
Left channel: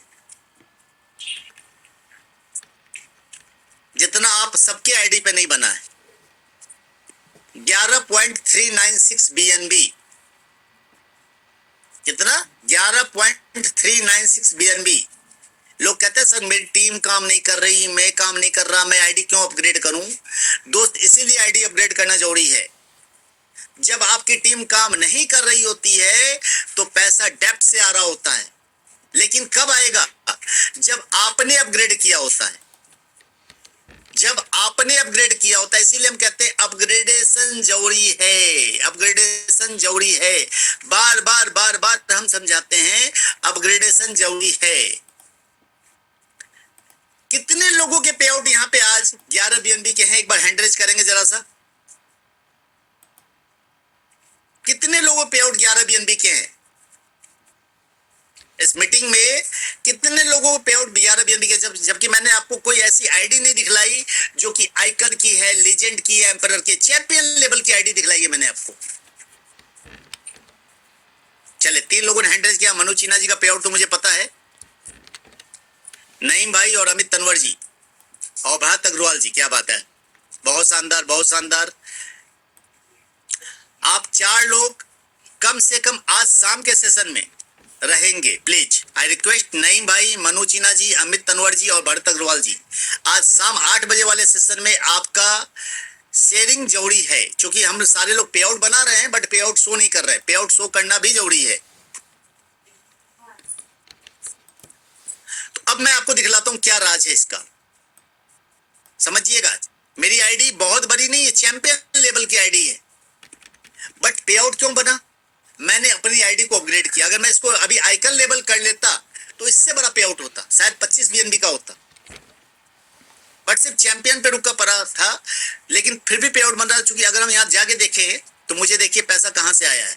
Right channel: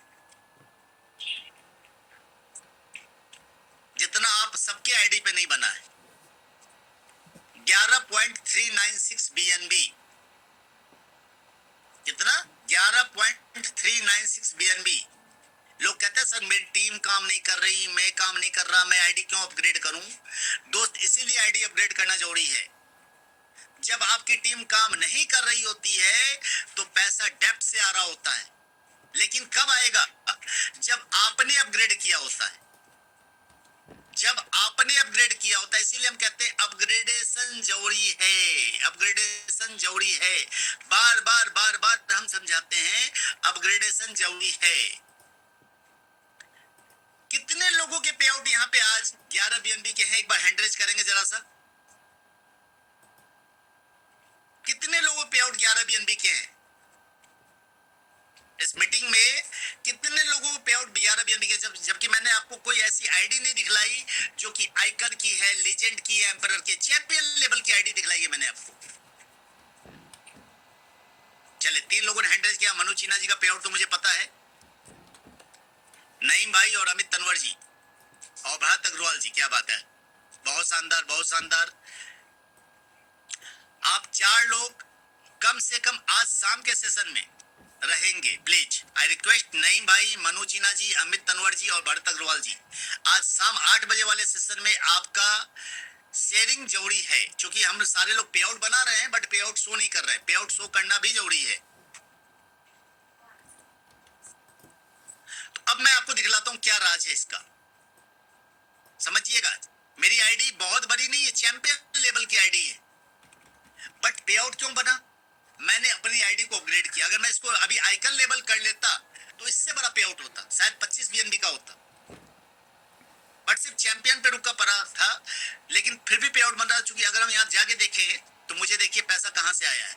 जितना आप सबके आईडी पे नहीं बना है। 11.396 बीएनबी। कितना? 11.396 बीएनबी। लोग कहते हैं सर मेरी टीम काम नहीं कर रही, मैं काम नहीं कर रहा, मैं आईडी क्यों अपग्रेड करूं? दोस्त, इसीलिए आईडी अपग्रेड करना जरूरी है। जब आपकी टीम काम नहीं कर रही होती है तो पैसा डेप्थ से आ रहा होता है, लेकिन कब आएगा? जब आपने अपग्रेड किया होता है। जब आपने अपग्रेड किया होता है, इसीलिए हम कहते हैं अपग्रेडेशन जरूरी है, अपग्रेडेशन जरूरी है। बार बार बार बार हम समझाते हैं अपग्रेडेशन जरूरी है। कितने लोगों के पे आउट यहाँ पे आज 11 बीएनबी के हैं? एक बार हैंड रेज करेंगे जरा सा। कितने लोगों पे आउट 11 बीएनबी के हैं इस मीटिंग में? कितने लोगों को पे आउट 11 बीएनबी के? जबकि मैंने आपको कोई ऐसी आईडी नहीं दिखलाई जो कि आइकन की है, लीजेंड की है, एम्परर की, चैंपियन लेवल की आईडी दिखलाई है मैंने आपको। चले 3 लोगों ने हैंड रेज किया। मनोज सिन्हा जी का पे आउट तो मुझे पता है, नईम भाई और अमित तनवर जी और भरत अग्रवाल जी, क्या बात है, बहुत शानदार, बहुत शानदार। आप 4 लोग कम से कम आज शाम के सेशन में रहेंगे, प्लीज आई रिक्वेस्ट। नईम भाई, मनोज सिन्हा जी, अमित तनवर जी और भरत अग्रवाल जी, आज शाम 8 बजे वाले सेशन में आपका शेयरिंग जरूरी है, क्योंकि हम सारे लोग पे आउट बना रहे हैं बट पे आउट शो नहीं कर रहे हैं। पे आउट शो करना भी जरूरी है। तो अब मैं आपको दिखलाता हूं क्या राज है इसका, समझिएगा। मेरी आईडी बहुत बड़ी नहीं है, चैंपियन लेवल की आईडी है, बट पे आउट क्यों बना? मैंने अपनी आईडी को अपग्रेड किया। अगर मैं इसको अभी आइकन लेवल कर लेता तो इससे बड़ा पे आउट होता, शायद 25 बीएनबी का होता, बट सिर्फ चैंपियन पे रुका पड़ा था। लेकिन फिर भी पे आउट बन रहा है, क्योंकि अगर हम यहाँ जाके देखें तो मुझे देखिए पैसा कहां से आया है।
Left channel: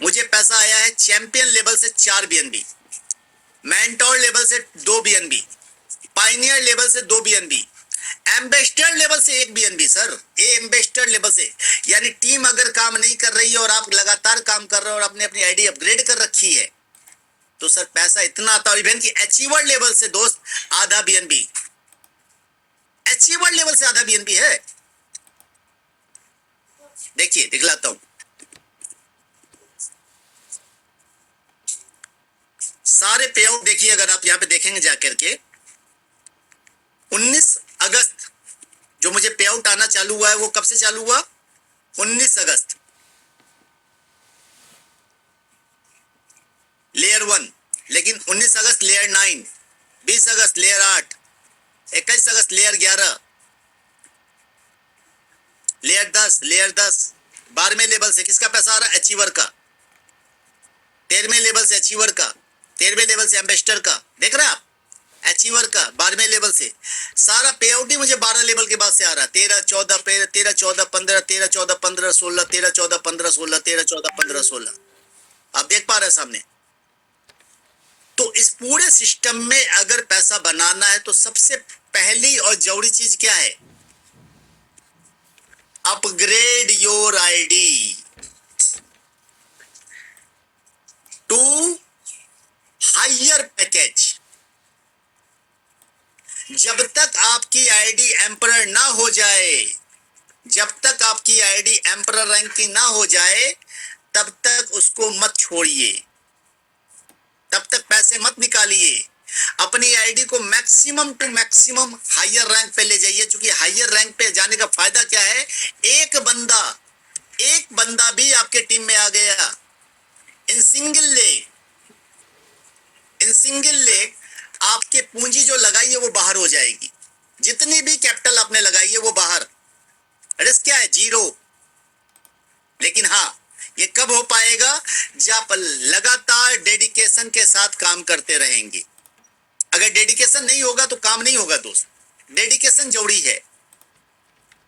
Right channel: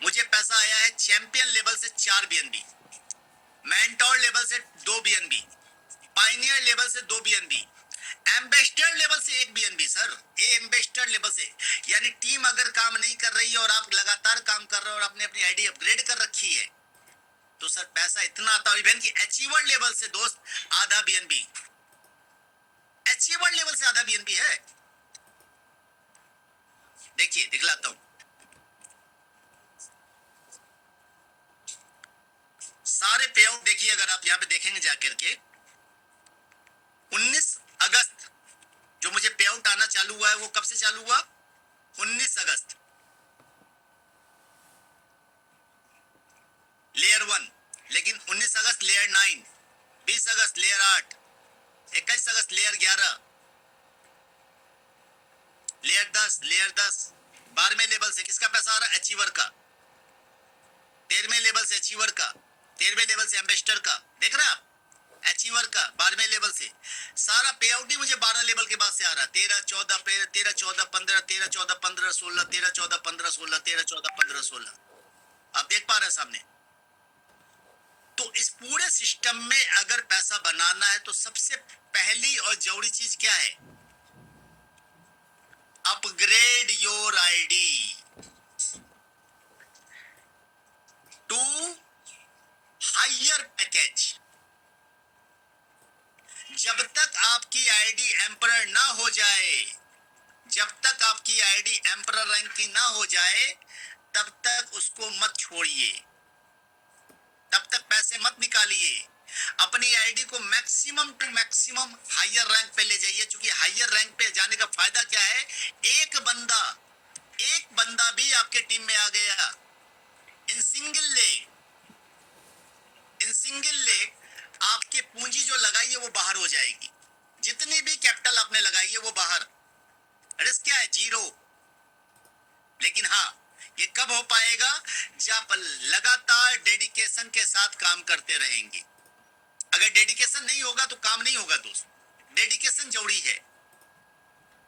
मुझे पैसा आया है चैंपियन लेवल से 4 बीएनबी, मेंटोर लेवल से 2 बीएनबी, पाइनियर लेवल से 2 बीएनबी, एम्बेसडर लेवल से 1 बीएनबी। सर, एम्बेसडर काम नहीं कर रही है और आप लगातार काम कर रहे हो और आपने अपनी आईडी अपग्रेड कर रखी है, तो सर पैसा इतना आता है। इवन की अचीवर लेवल से दोस्त आधा बीएनबी, अचीवर लेवल से आधा बीएनबी है। देखिए दिखलाता हूं, सारे पे आउट देखिए, अगर आप यहां पे देखेंगे जाकर के 19 अगस्त जो मुझे पे आउट आना चालू हुआ है, वो कब से चालू हुआ? 19 अगस्त। लेयर 1, लेकिन 19 अगस्त लेयर 9, 20 अगस्त लेयर 8, 21 अगस्त लेयर 11, लेयर 10, लेयर 10। 12वें लेवल से किसका पैसा आ रहा है? अचीवर का। 13वें लेवल से अचीवर का, 13वें लेवल से एम्बेसडर का, देख रहे हैं आप? अचीवर का 12वें लेवल से सारा पे आउट ही मुझे 12 लेवल के बाद से आ रहा है। 13 14 13 14 15, 13 14 15 16, 13 14 15 16, 13 14 15 16। आप देख पा रहे हैं सामने? तो इस पूरे सिस्टम में अगर पैसा बनाना है तो सबसे पहली और जरूरी चीज क्या है? Upgrade your ID to higher package. जब तक आपकी आईडी एम्परर ना हो जाए, जब तक आपकी आईडी एम्परर रैंक की ना हो जाए, तब तक उसको मत छोड़िए, तब तक पैसे मत निकालिए। अपनी आईडी को maximum to maximum higher rank पे ले जाइए, क्योंकि हायर रैंक पे जाने का फायदा क्या है? एक बंदा भी आपके टीम में आ गया इन सिंगल लेग, आपके पूंजी जो लगाई है वो बाहर हो जाएगी। जितनी भी कैपिटल आपने लगाई है वो बाहर, रिस्क क्या है? 0। लेकिन हाँ, ये कब हो पाएगा? जब लगातार डेडिकेशन के साथ काम करते रहेंगे। अगर डेडिकेशन नहीं होगा तो काम नहीं होगा दोस्त। डेडिकेशन जरूरी है,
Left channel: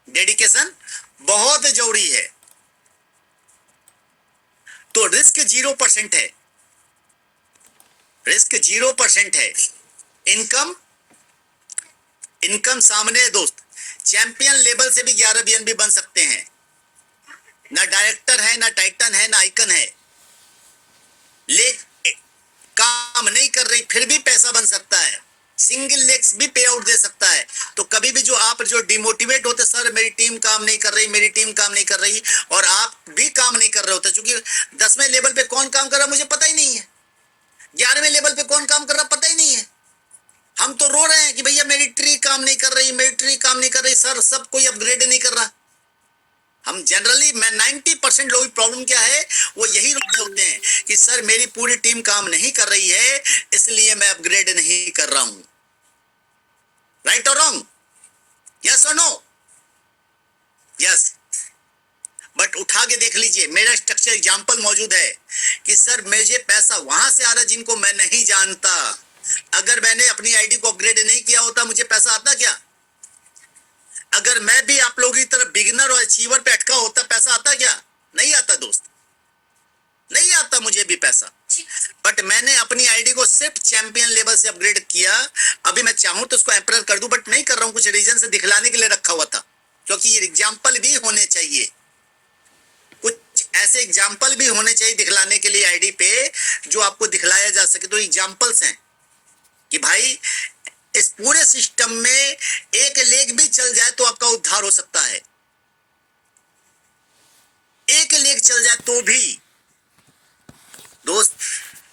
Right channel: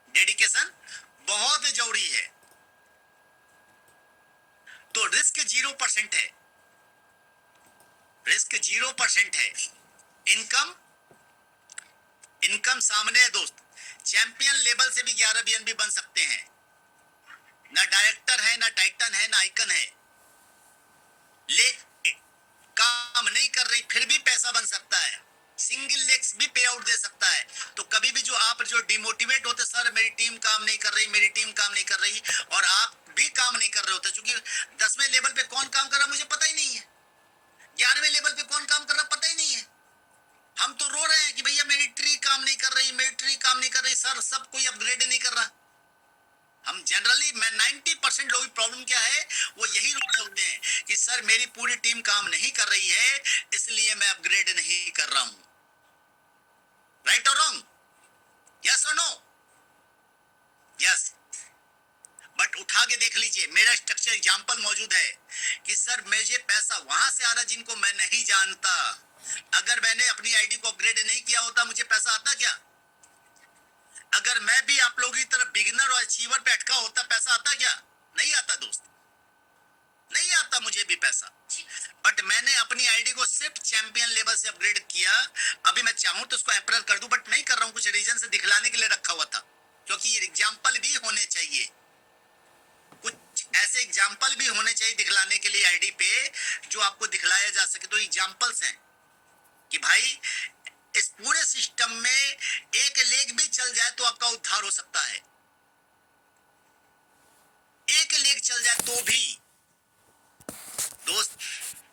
डेडिकेशन बहुत जरूरी है। तो रिस्क 0% है, रिस्क 0% है। इनकम सामने है दोस्त। चैंपियन लेवल से भी 11 बीएनबी बन सकते हैं। ना डायरेक्टर है, ना टाइटन है, ना आइकन है, लेग काम नहीं कर रही फिर भी पैसा बन सकता है। सिंगल लेग्स भी पे आउट दे सकता है। तो कभी भी जो डिमोटिवेट होते, सर मेरी टीम काम नहीं कर रही, मेरी टीम काम नहीं कर रही, और आप भी काम नहीं कर रहे होते, क्योंकि 10वें लेवल पे कौन काम कर रहा मुझे पता ही नहीं है, 11वें लेवल पे कौन काम कर रहा पता ही नहीं है। हम तो रो रहे हैं कि भैया मेरी ट्री काम नहीं कर रही, मेरी ट्री काम नहीं कर रही, सर सब कोई अपग्रेड नहीं कर रहा। हम जनरली, मैं 90% लोगों की प्रॉब्लम क्या है, वो यही रोते होते हैं कि सर मेरी पूरी टीम काम नहीं कर रही है, इसलिए मैं अपग्रेड नहीं कर रहा हूं। राइट और रॉन्ग? यस और नो? यस। बट उठा के देख लीजिए, मेरा स्ट्रक्चर एग्जांपल मौजूद है कि सर मुझे पैसा वहां से आ रहा जिनको मैं नहीं जानता। अगर मैंने अपनी आईडी को अपग्रेड नहीं किया होता, मुझे पैसा आता क्या? अगर मैं भी आप लोगों की तरह बिगिनर और अचीवर पे अटका होता, पैसा आता क्या? नहीं आता दोस्त, नहीं आता मुझे भी पैसा। बट मैंने अपनी आईडी को सिर्फ चैंपियन लेवल से अपग्रेड किया। अभी मैं चाहूं तो उसको एम्परर कर दूं, बट नहीं कर रहा हूं, कुछ रीजन से दिखलाने के लिए रखा हुआ था, क्योंकि ये एग्जाम्पल भी होने चाहिए, कुछ ऐसे एग्जाम्पल भी होने चाहिए दिखलाने के लिए आईडी पे, जो आपको दिखलाया जा सके। तो एग्जाम्पल्स हैं कि भाई इस पूरे सिस्टम में एक लेग भी चल जाए तो आपका उद्धार हो सकता है। एक लेग चल जाए तो भी दोस्त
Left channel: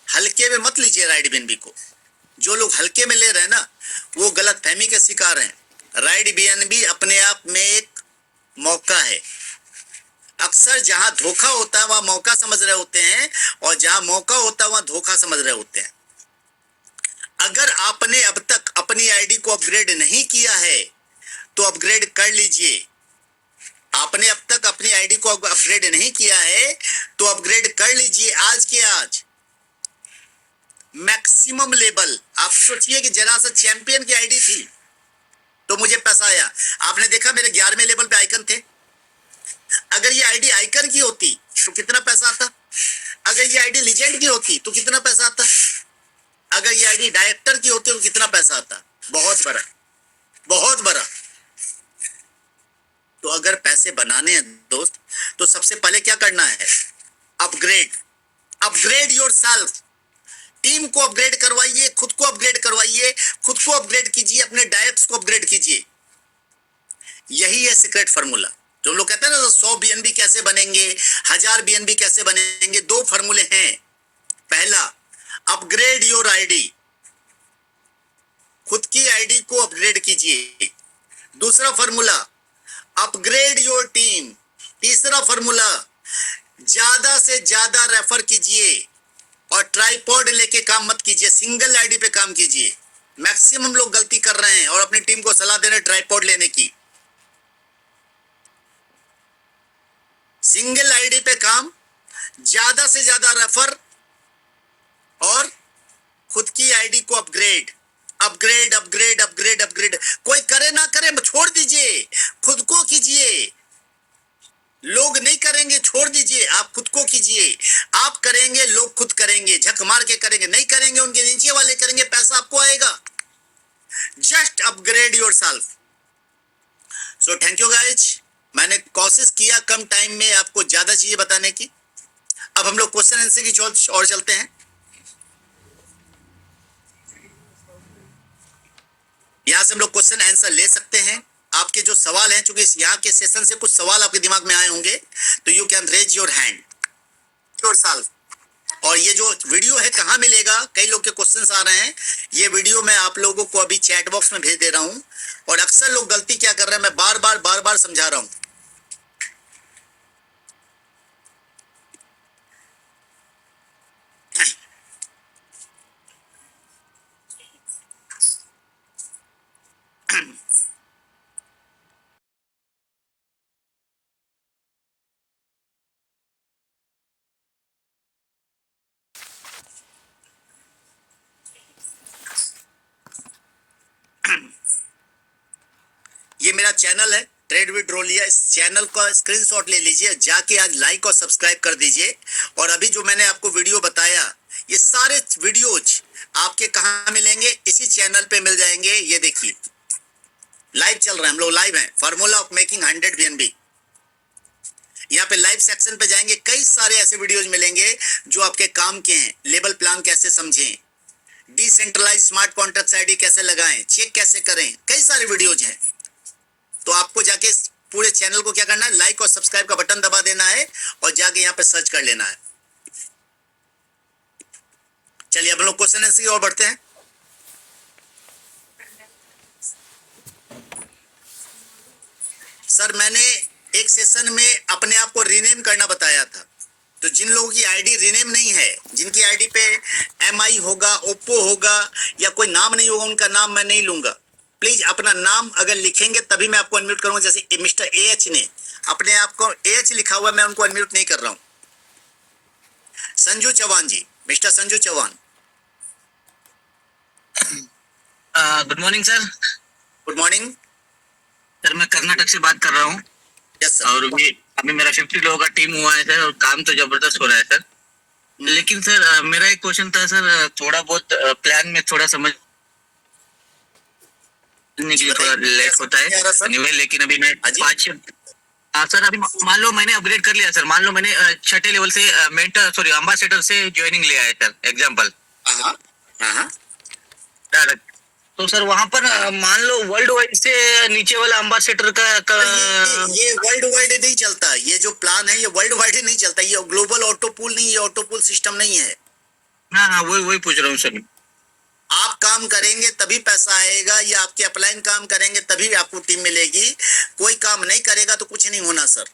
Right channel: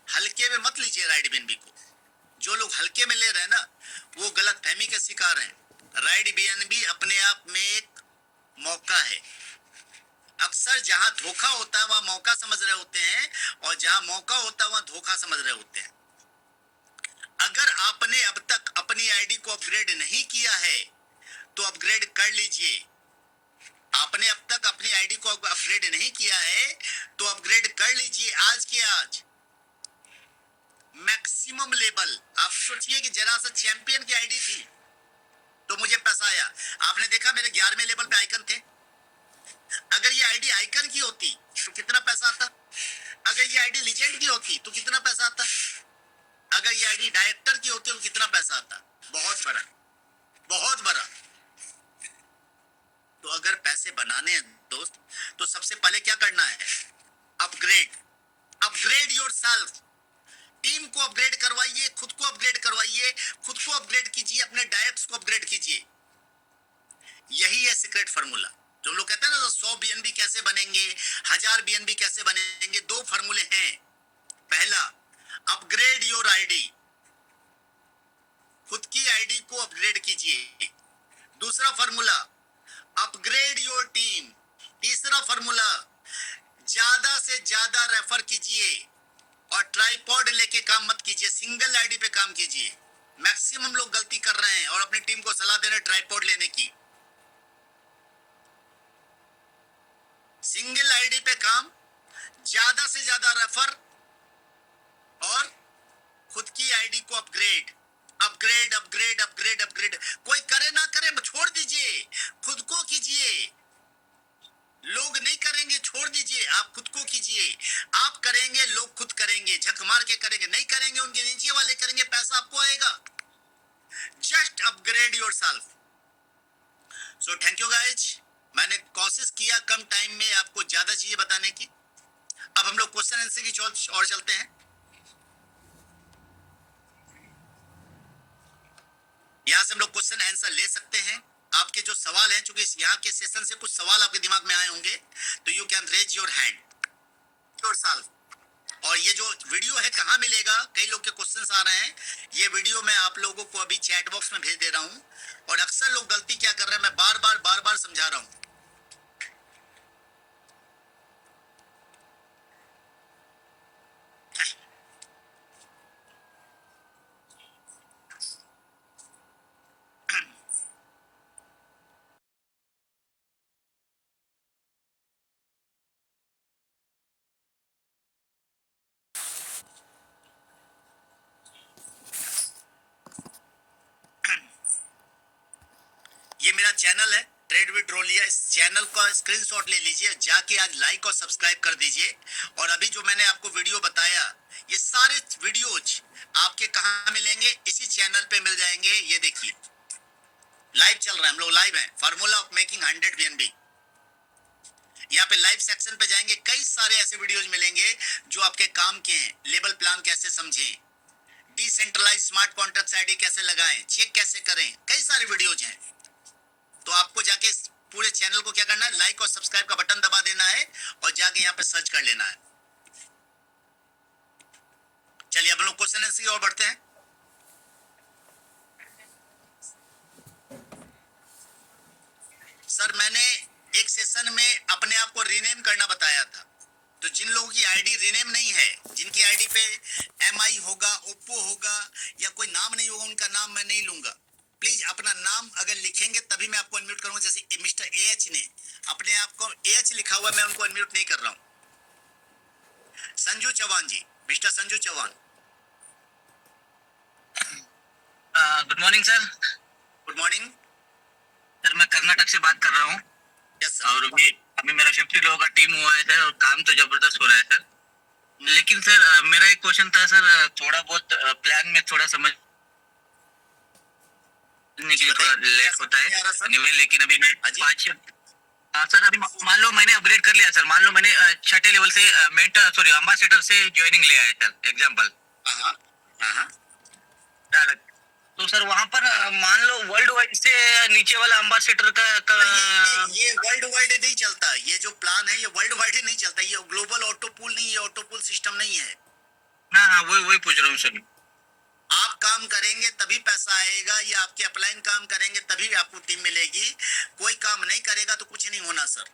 हल्के में मत लीजिए राइड बीएनबी को। जो लोग हल्के में ले रहे हैं ना, वो गलत फहमी के शिकार हैं। राइड बीएनबी अपने आप में एक मौका है। अक्सर जहां धोखा होता है वहां मौका समझ रहे होते हैं, और जहां मौका होता है वहां धोखा समझ रहे होते हैं। अगर आपने अब तक अपनी आईडी को अपग्रेड नहीं किया है तो अपग्रेड कर लीजिए। आपने अब तक अपनी आईडी को अपग्रेड नहीं किया है तो अपग्रेड कर लीजिए आज के आज। मैक्सिमम लेवल, आप सोचिए कि जरा सा चैंपियन की आईडी थी तो मुझे पैसा आया। आपने देखा मेरे 11वें लेवल पे आइकन थे। अगर ये आईडी आइकन की होती तो कितना पैसा आता? अगर ये आईडी लीजेंड की होती तो कितना पैसा आता? अगर ये आईडी डायरेक्टर की होती तो कितना पैसा आता? बहुत बड़ा, बहुत बड़ा। तो अगर पैसा कैसे बनाने हैं दोस्त, तो सबसे पहले क्या करना है, अपग्रेड योरसेल्फ। टीम को अपग्रेड करवाइए, खुद को अपग्रेड करवाइए, खुद को अपग्रेड कीजिए, अपने डायट्स को अपग्रेड कीजिए। यही है सीक्रेट फार्मूला। जो हम लोग कहते हैं ना 100 बीएनबी कैसे बनेंगे, 1000 बीएनबी कैसे बनेंगे, दो फार्मूले हैं। पहला, अपग्रेड योर आईडी, खुद की आईडी को अपग्रेड कीजिए। दूसरा फार्मूला, अपग्रेड योर टीम। तीसरा फार्मूला, ज्यादा से ज्यादा रेफर कीजिए और ट्राइपॉड लेके काम मत कीजिए, सिंगल आईडी पे काम कीजिए। मैक्सिमम लोग गलती कर रहे हैं और अपनी टीम को सलाह दे रहे हैं ट्राइपॉड लेने की। सिंगल आईडी पे काम, ज्यादा से ज्यादा रेफर और खुद की आईडी को upgrade upgrade upgrade upgrade upgrade. कोई करे ना करे छोड़ दीजिए, खुद को कीजिए। लोग नहीं करेंगे, छोड़ दीजिए, आप खुद को कीजिए। आप करेंगे, लोग खुद करेंगे, झक मार के करेंगे। नहीं करेंगे, उनके नीचे वाले करेंगे, पैसा आपको आएगा। Just upgrade yourself. So thank you guys. मैंने कोशिश किया कम टाइम में आपको ज्यादा चीजें बताने की। अब हम लोग क्वेश्चन आंसर की ओर चलते हैं। यहां से हम लोग क्वेश्चन आंसर ले सकते हैं। आपके जो सवाल हैं, चूंकि यहाँ के सेशन से कुछ सवाल आपके दिमाग में आए होंगे, तो you can raise your hand yourself. और ये जो वीडियो है कहाँ मिलेगा, कई लोग के क्वेश्चंस आ रहे हैं। ये वीडियो मैं आप लोगों को अभी चैट बॉक्स में भेज दे रहा हूँ। और अक्सर लोग गलती क्या कर रहे हैं, मैं बार बार समझा रहा हूँ। ये मेरा चैनल है ट्रेड विद रोलिया। इस चैनल का स्क्रीनशॉट ले लीजिए, जाके आज लाइक और सब्सक्राइब कर दीजिए। और अभी जो मैंने आपको वीडियो बताया, ये सारे वीडियोज आपके कहाँ मिलेंगे, इसी चैनल पे मिल जाएंगे। ये देखिए लाइव चल रहा है, हम लोग लाइव हैं। फार्मूला ऑफ मेकिंग 100 बीएनबी, यहाँ पे लाइव सेक्शन पे जाएंगे, कई सारे ऐसे वीडियोज मिलेंगे जो आपके काम के हैं। लेबल प्लान कैसे समझें, डिसेंट्रलाइज स्मार्ट कॉन्ट्रैक्ट आईडी कैसे लगाएं, चेक कैसे करें, कई सारे वीडियोज हैं। तो आपको जाके पूरे चैनल को क्या करना है, लाइक और सब्सक्राइब का बटन दबा देना है और जाके यहाँ पे सर्च कर लेना है। चलिए अब हम लोग क्वेश्चन आंसर की ओर बढ़ते हैं। सर मैंने एक सेशन में अपने आप को रीनेम करना बताया था, तो जिन लोगों की आईडी रीनेम नहीं है, जिनकी आईडी पे MI होगा, ओप्पो होगा या कोई नाम नहीं होगा, उनका नाम मैं नहीं लूंगा। प्लीज अपना नाम अगर लिखेंगे तभी मैं आपको अनम्यूट करूंगा। जैसे मिस्टर AH ने अपने आप को AH लिखा हुआ, मैं उनको अनम्यूट नहीं कर रहा हूं। Sanju Chauhan ji, mister Sanju Chauhan. Good morning sir. Good morning sir मैं कर्नाटक से बात कर रहा हूँ। Yes sir. और अभी मेरा 50 लोगों का टीम हुआ है सर, और काम तो जबरदस्त हो रहा है सर। लेकिन सर मेरा एक क्वेश्चन था सर, थोड़ा बहुत प्लान में थोड़ा समझ के लिए थोड़ा लेट होता है anyway, लेकिन अभी मैं 5 सर अभी मान लो मैंने अपग्रेड कर लिया सर। मान लो मैंने 6ठे लेवल से मेंटर एम्बेसडर से ज्वाइनिंग लिया है सर, एग्जांपल डायरेक्ट। तो सर वहां पर मान लो वर्ल्ड वाइड से नीचे वाला एम्बेसडर का ये वर्ल्ड वाइड नहीं चलता। ये जो प्लान है ये वर्ल्ड वाइड ही नहीं चलता। ये ग्लोबल ऑटो पूल नहीं, ये ऑटो पूल सिस्टम नहीं है। हाँ वही पूछ रहा हूँ सर। आप काम करेंगे तभी पैसा आएगा, या आपके अपलाइन काम करेंगे तभी आपको टीम मिलेगी। कोई काम नहीं करेगा तो कुछ नहीं होना सर।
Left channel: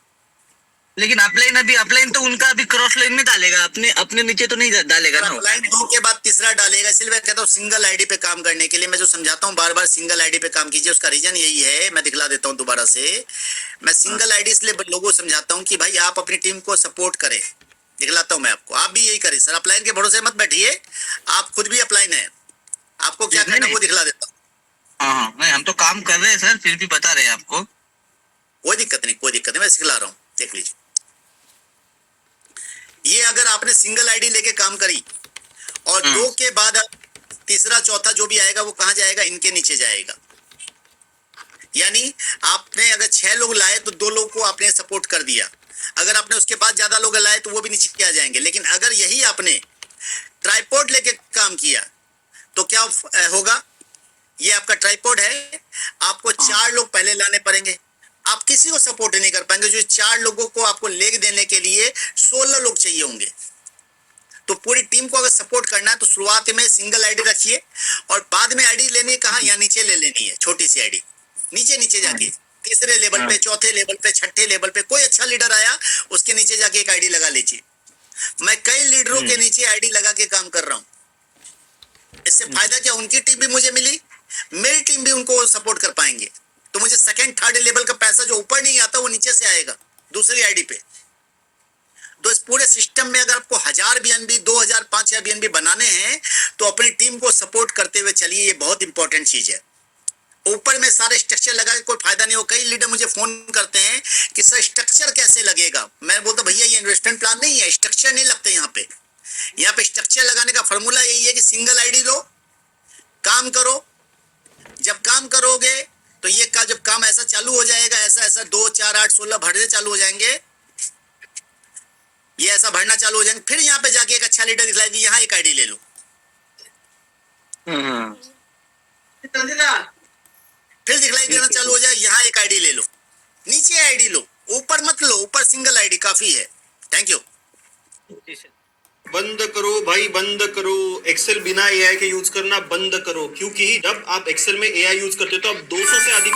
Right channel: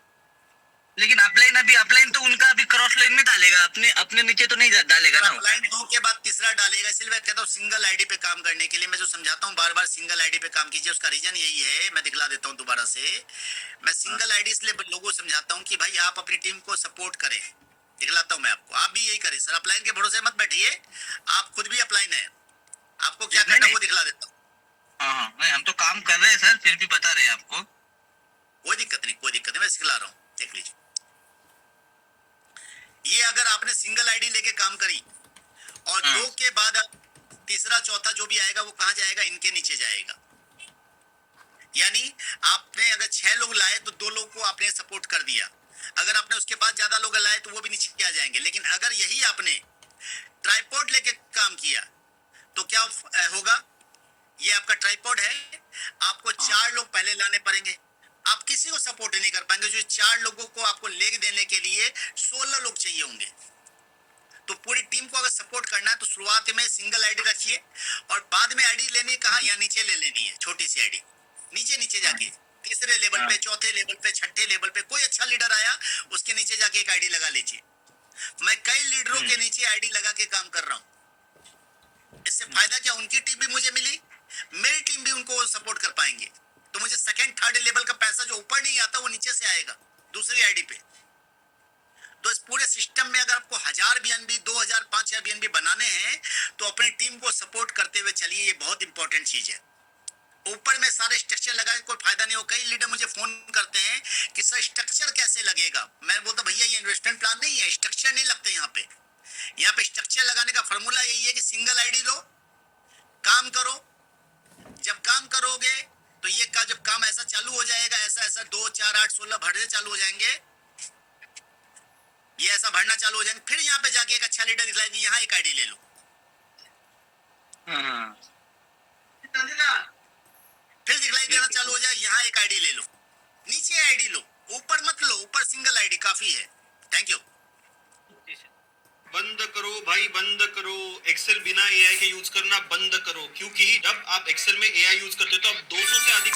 लेकिन अपलाइन तो उनका अभी क्रॉस लाइन में डालेगा, अपने नीचे तो नहीं डालेगा ना। अपलाइन 2 के बाद तीसरा डालेगा। इसलिए मैं कहता हूँ सिंगल आईडी पे काम करने के लिए मैं जो समझाता हूँ, बार बार सिंगल आईडी पे काम कीजिए। उसका रीजन यही है, मैं दिखला देता हूँ दोबारा से। मैं सिंगल आईडी इसलिए लोगों को समझाता हूँ कि भाई आप अपनी टीम को सपोर्ट करें। दिखलाता हूँ मैं आपको, आप भी यही करें सर। अपलाइन के भरोसे मत बैठिए, आप खुद भी अपलाइन है। आपको क्या करना है वो दिखला देता हूँ। हाँ नहीं, हम तो काम कर रहे हैं सर, फिर भी बता रहे हैं आपको। कोई दिक्कत नहीं, मैं सिखला रहा हूँ, देख लीजिए। ये अगर आपने सिंगल आईडी लेके काम करी और 2 के बाद तीसरा चौथा जो भी आएगा वो कहाँ जाएगा, इनके नीचे जाएगा। यानी आपने अगर 6 लोग लाए तो 2 लोग को आपने सपोर्ट कर दिया, अगर आपने उसके बाद ज्यादा लोग लाए तो वो भी नीचे आ जाएंगे। लेकिन अगर यही आपने ट्राइपॉड लेके काम किया तो क्या होगा, ये आपका ट्राइपॉड है, आपको 4 लोग पहले लाने पड़ेंगे, आप किसी को सपोर्ट नहीं कर पाएंगे। जो 4 लोगों को आपको लेग देने के लिए 16 लोग चाहिए होंगे। तो पूरी टीम को अगर सपोर्ट करना है तो शुरुआत में सिंगल आईडी रखिए और बाद में आईडी लेने कहा या नीचे ले लेनी है, छोटी सी आईडी नीचे नीचे जाके तीसरे लेवल पे, चौथे लेवल पे, छठे लेवल पे कोई अच्छा लीडर आया उसके नीचे जाके एक आईडी लगा लीजिए। मैं कई लीडरों के नीचे आईडी लगा के काम कर रहा हूँ। इससे फायदा क्या, उनकी टीम भी मुझे मिली, मेरी टीम भी उनको सपोर्ट कर पाएंगे। तो मुझे सेकंड थर्ड लेवल का पैसा जो ऊपर नहीं आता वो नीचे से आएगा दूसरी आईडी पे। तो इस पूरे सिस्टम में अगर आपको 1000 बीएनबी, 2000, 5000 बीएनबी बनाने हैं तो अपनी टीम को सपोर्ट करते हुए चलिए, ये बहुत इंपॉर्टेंट चीज है। ऊपर में सारे स्ट्रक्चर लगा के कोई फायदा नहीं हो। कई लीडर मुझे फोन करते हैं कि सर स्ट्रक्चर कैसे लगेगा। मैं बोलता भैया ये इन्वेस्टमेंट प्लान नहीं है, स्ट्रक्चर नहीं लगते यहाँ पे। यहाँ पे स्ट्रक्चर लगाने का फॉर्मूला यही है कि सिंगल आईडी लो, काम करो। जब काम करोगे तो ये का जब काम ऐसा चालू हो जाएगा, ऐसा ऐसा 2, 4, 8, 16 भरने चालू हो जाएंगे, ये ऐसा भरना चालू हो जाएंगे। फिर यहाँ पे जाके एक अच्छा लीडर दिखलाएगी, यहाँ एक आईडी ले लो। फिर दिखलाई देना चालू हो जाए, यहाँ एक आईडी ले लो, नीचे आईडी लो, ऊपर मत लो, ऊपर सिंगल आईडी काफी है। Thank you. बंद करो भाई, बंद करो। एक्सेल बिना एआई के यूज करना बंद करो, क्योंकि जब आप एक्सेल में एआई यूज करते हो तो आप 200 से अधिक।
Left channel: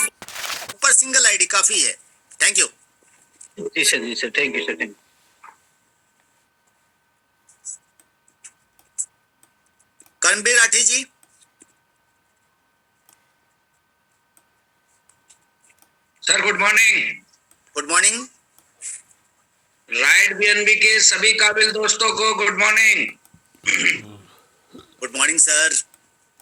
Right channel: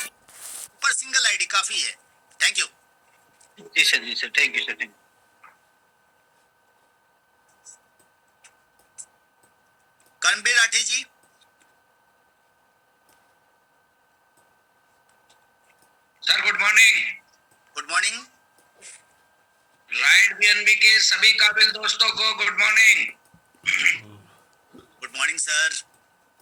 ऊपर सिंगल आईडी काफी है। Thank you. जी sir, thank you sir. Karanbir Rathi ji. Sir good morning. Good morning. Right BNB के सभी काबिल दोस्तों को good morning. Good morning sir.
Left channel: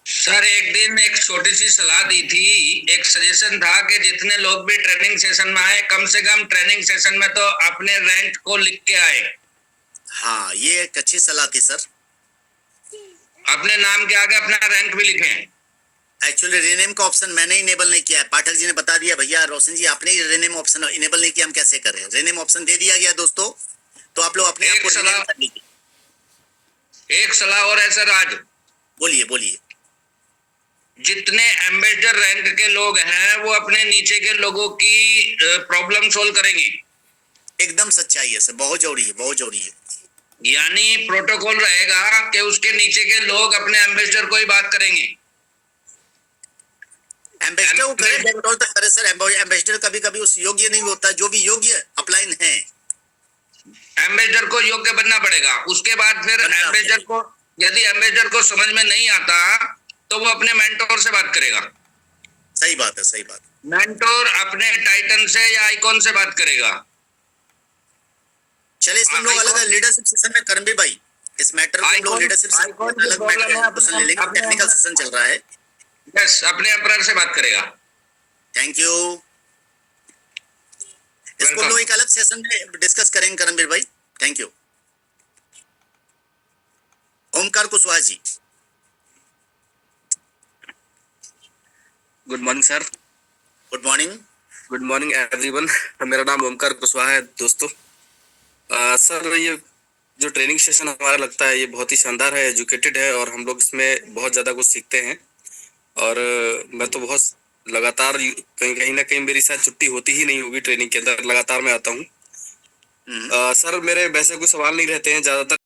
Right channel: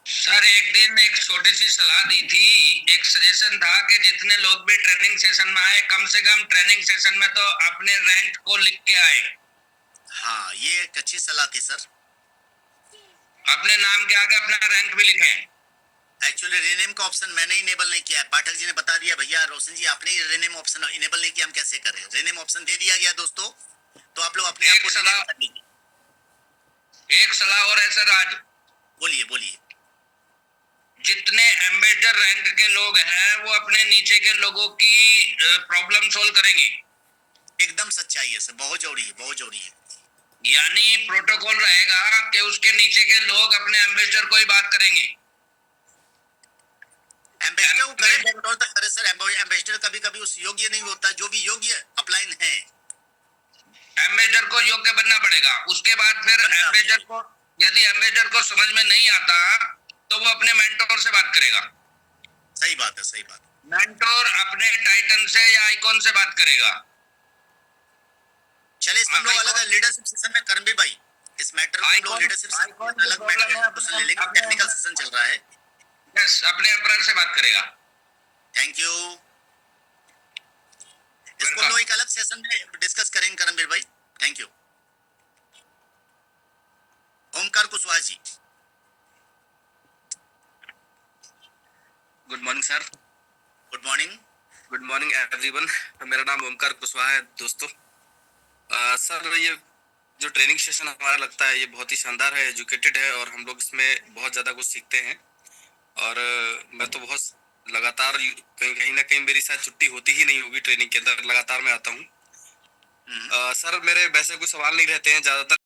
Sir एक दिन एक छोटी सी सलाह दी थी, एक सजेशन था कि जितने लोग भी ट्रेनिंग सेशन में आए कम से कम ट्रेनिंग सेशन में तो अपने रैंक को लिख के आए। हाँ ये एक अच्छी सलाह थी सर। अपने नाम के आगे अपना रैंक भी लिखें। एक्चुअली रीनेम का ऑप्शन मैंने इनेबल नहीं किया है, पाठक जी ने बता दिया। भैया रोशन जी आपने रीनेम ऑप्शन इनेबल नहीं किया, हम कैसे करें। रीनेम ऑप्शन दे दिया गया दोस्तों, तो आप लोग अपने आप को रीनेम कर लीजिए। एक सलाह और है सर आज। बोलिए बोलिए। जितने एम्बेसडर रैंक के लोग हैं वो अपने नीचे के लोगों की प्रॉब्लम सोल्व करेंगे। एकदम सच्चाई है सर, बहुत जरूरी है, बहुत जरूरी है। यानी प्रोटोकॉल रहेगा कि उसके नीचे के लोग अपने एम्बेसडर को ही बात करेंगे। एम्बेसडर को करे, कंट्रोल तक करे सर। एम्बेसडर कभी कभी उस योग्य नहीं होता जो भी योग्य अपलाइन है। एम्बेसडर को योग्य बनना पड़ेगा। उसके बाद फिर एम्बेसडर को, यदि एम्बेसडर को समझ में नहीं आता तो वो अपने मेंटोर से बात करेगा। सही बात है, सही बात। मेंटोर अपने टाइटन से या आइकॉन से बात करेगा। चलिए इसमें हम लोग अलग लीडरशिप सेशन में करणबीर भाई, इस मैटर को हम लोग लीडरशिप अलग मैटर ले लेंगे। टेक्निकल सेशन चल रहा है। यस, अपने एम्परर से बात करेगा। Thank you. इसको हम लोग एक अलग सेशन में डिस्कस करेंगे करणबीर भाई। Thank you. Omkar Kushwaha ji. Good morning sir. Good morning. Good morning everyone. मेरा नाम ओमकार कुशवाहा है दोस्तों। सर ये जो ट्रेनिंग सेशन हमारा लगता है ये बहुत ही शानदार है, एजुकेटेड है और हम लोग इसमें बहुत ज़्यादा कुछ सीखते हैं। और मैं तो बहुत लगातार कहीं ना कहीं मेरी शायद छुट्टी होती ही नहीं होगी ट्रेनिंग के अंदर, लगातार मैं आता हूँ। सर मेरे वैसे कोई सवाल नहीं रहते हैं ज़्यादातर।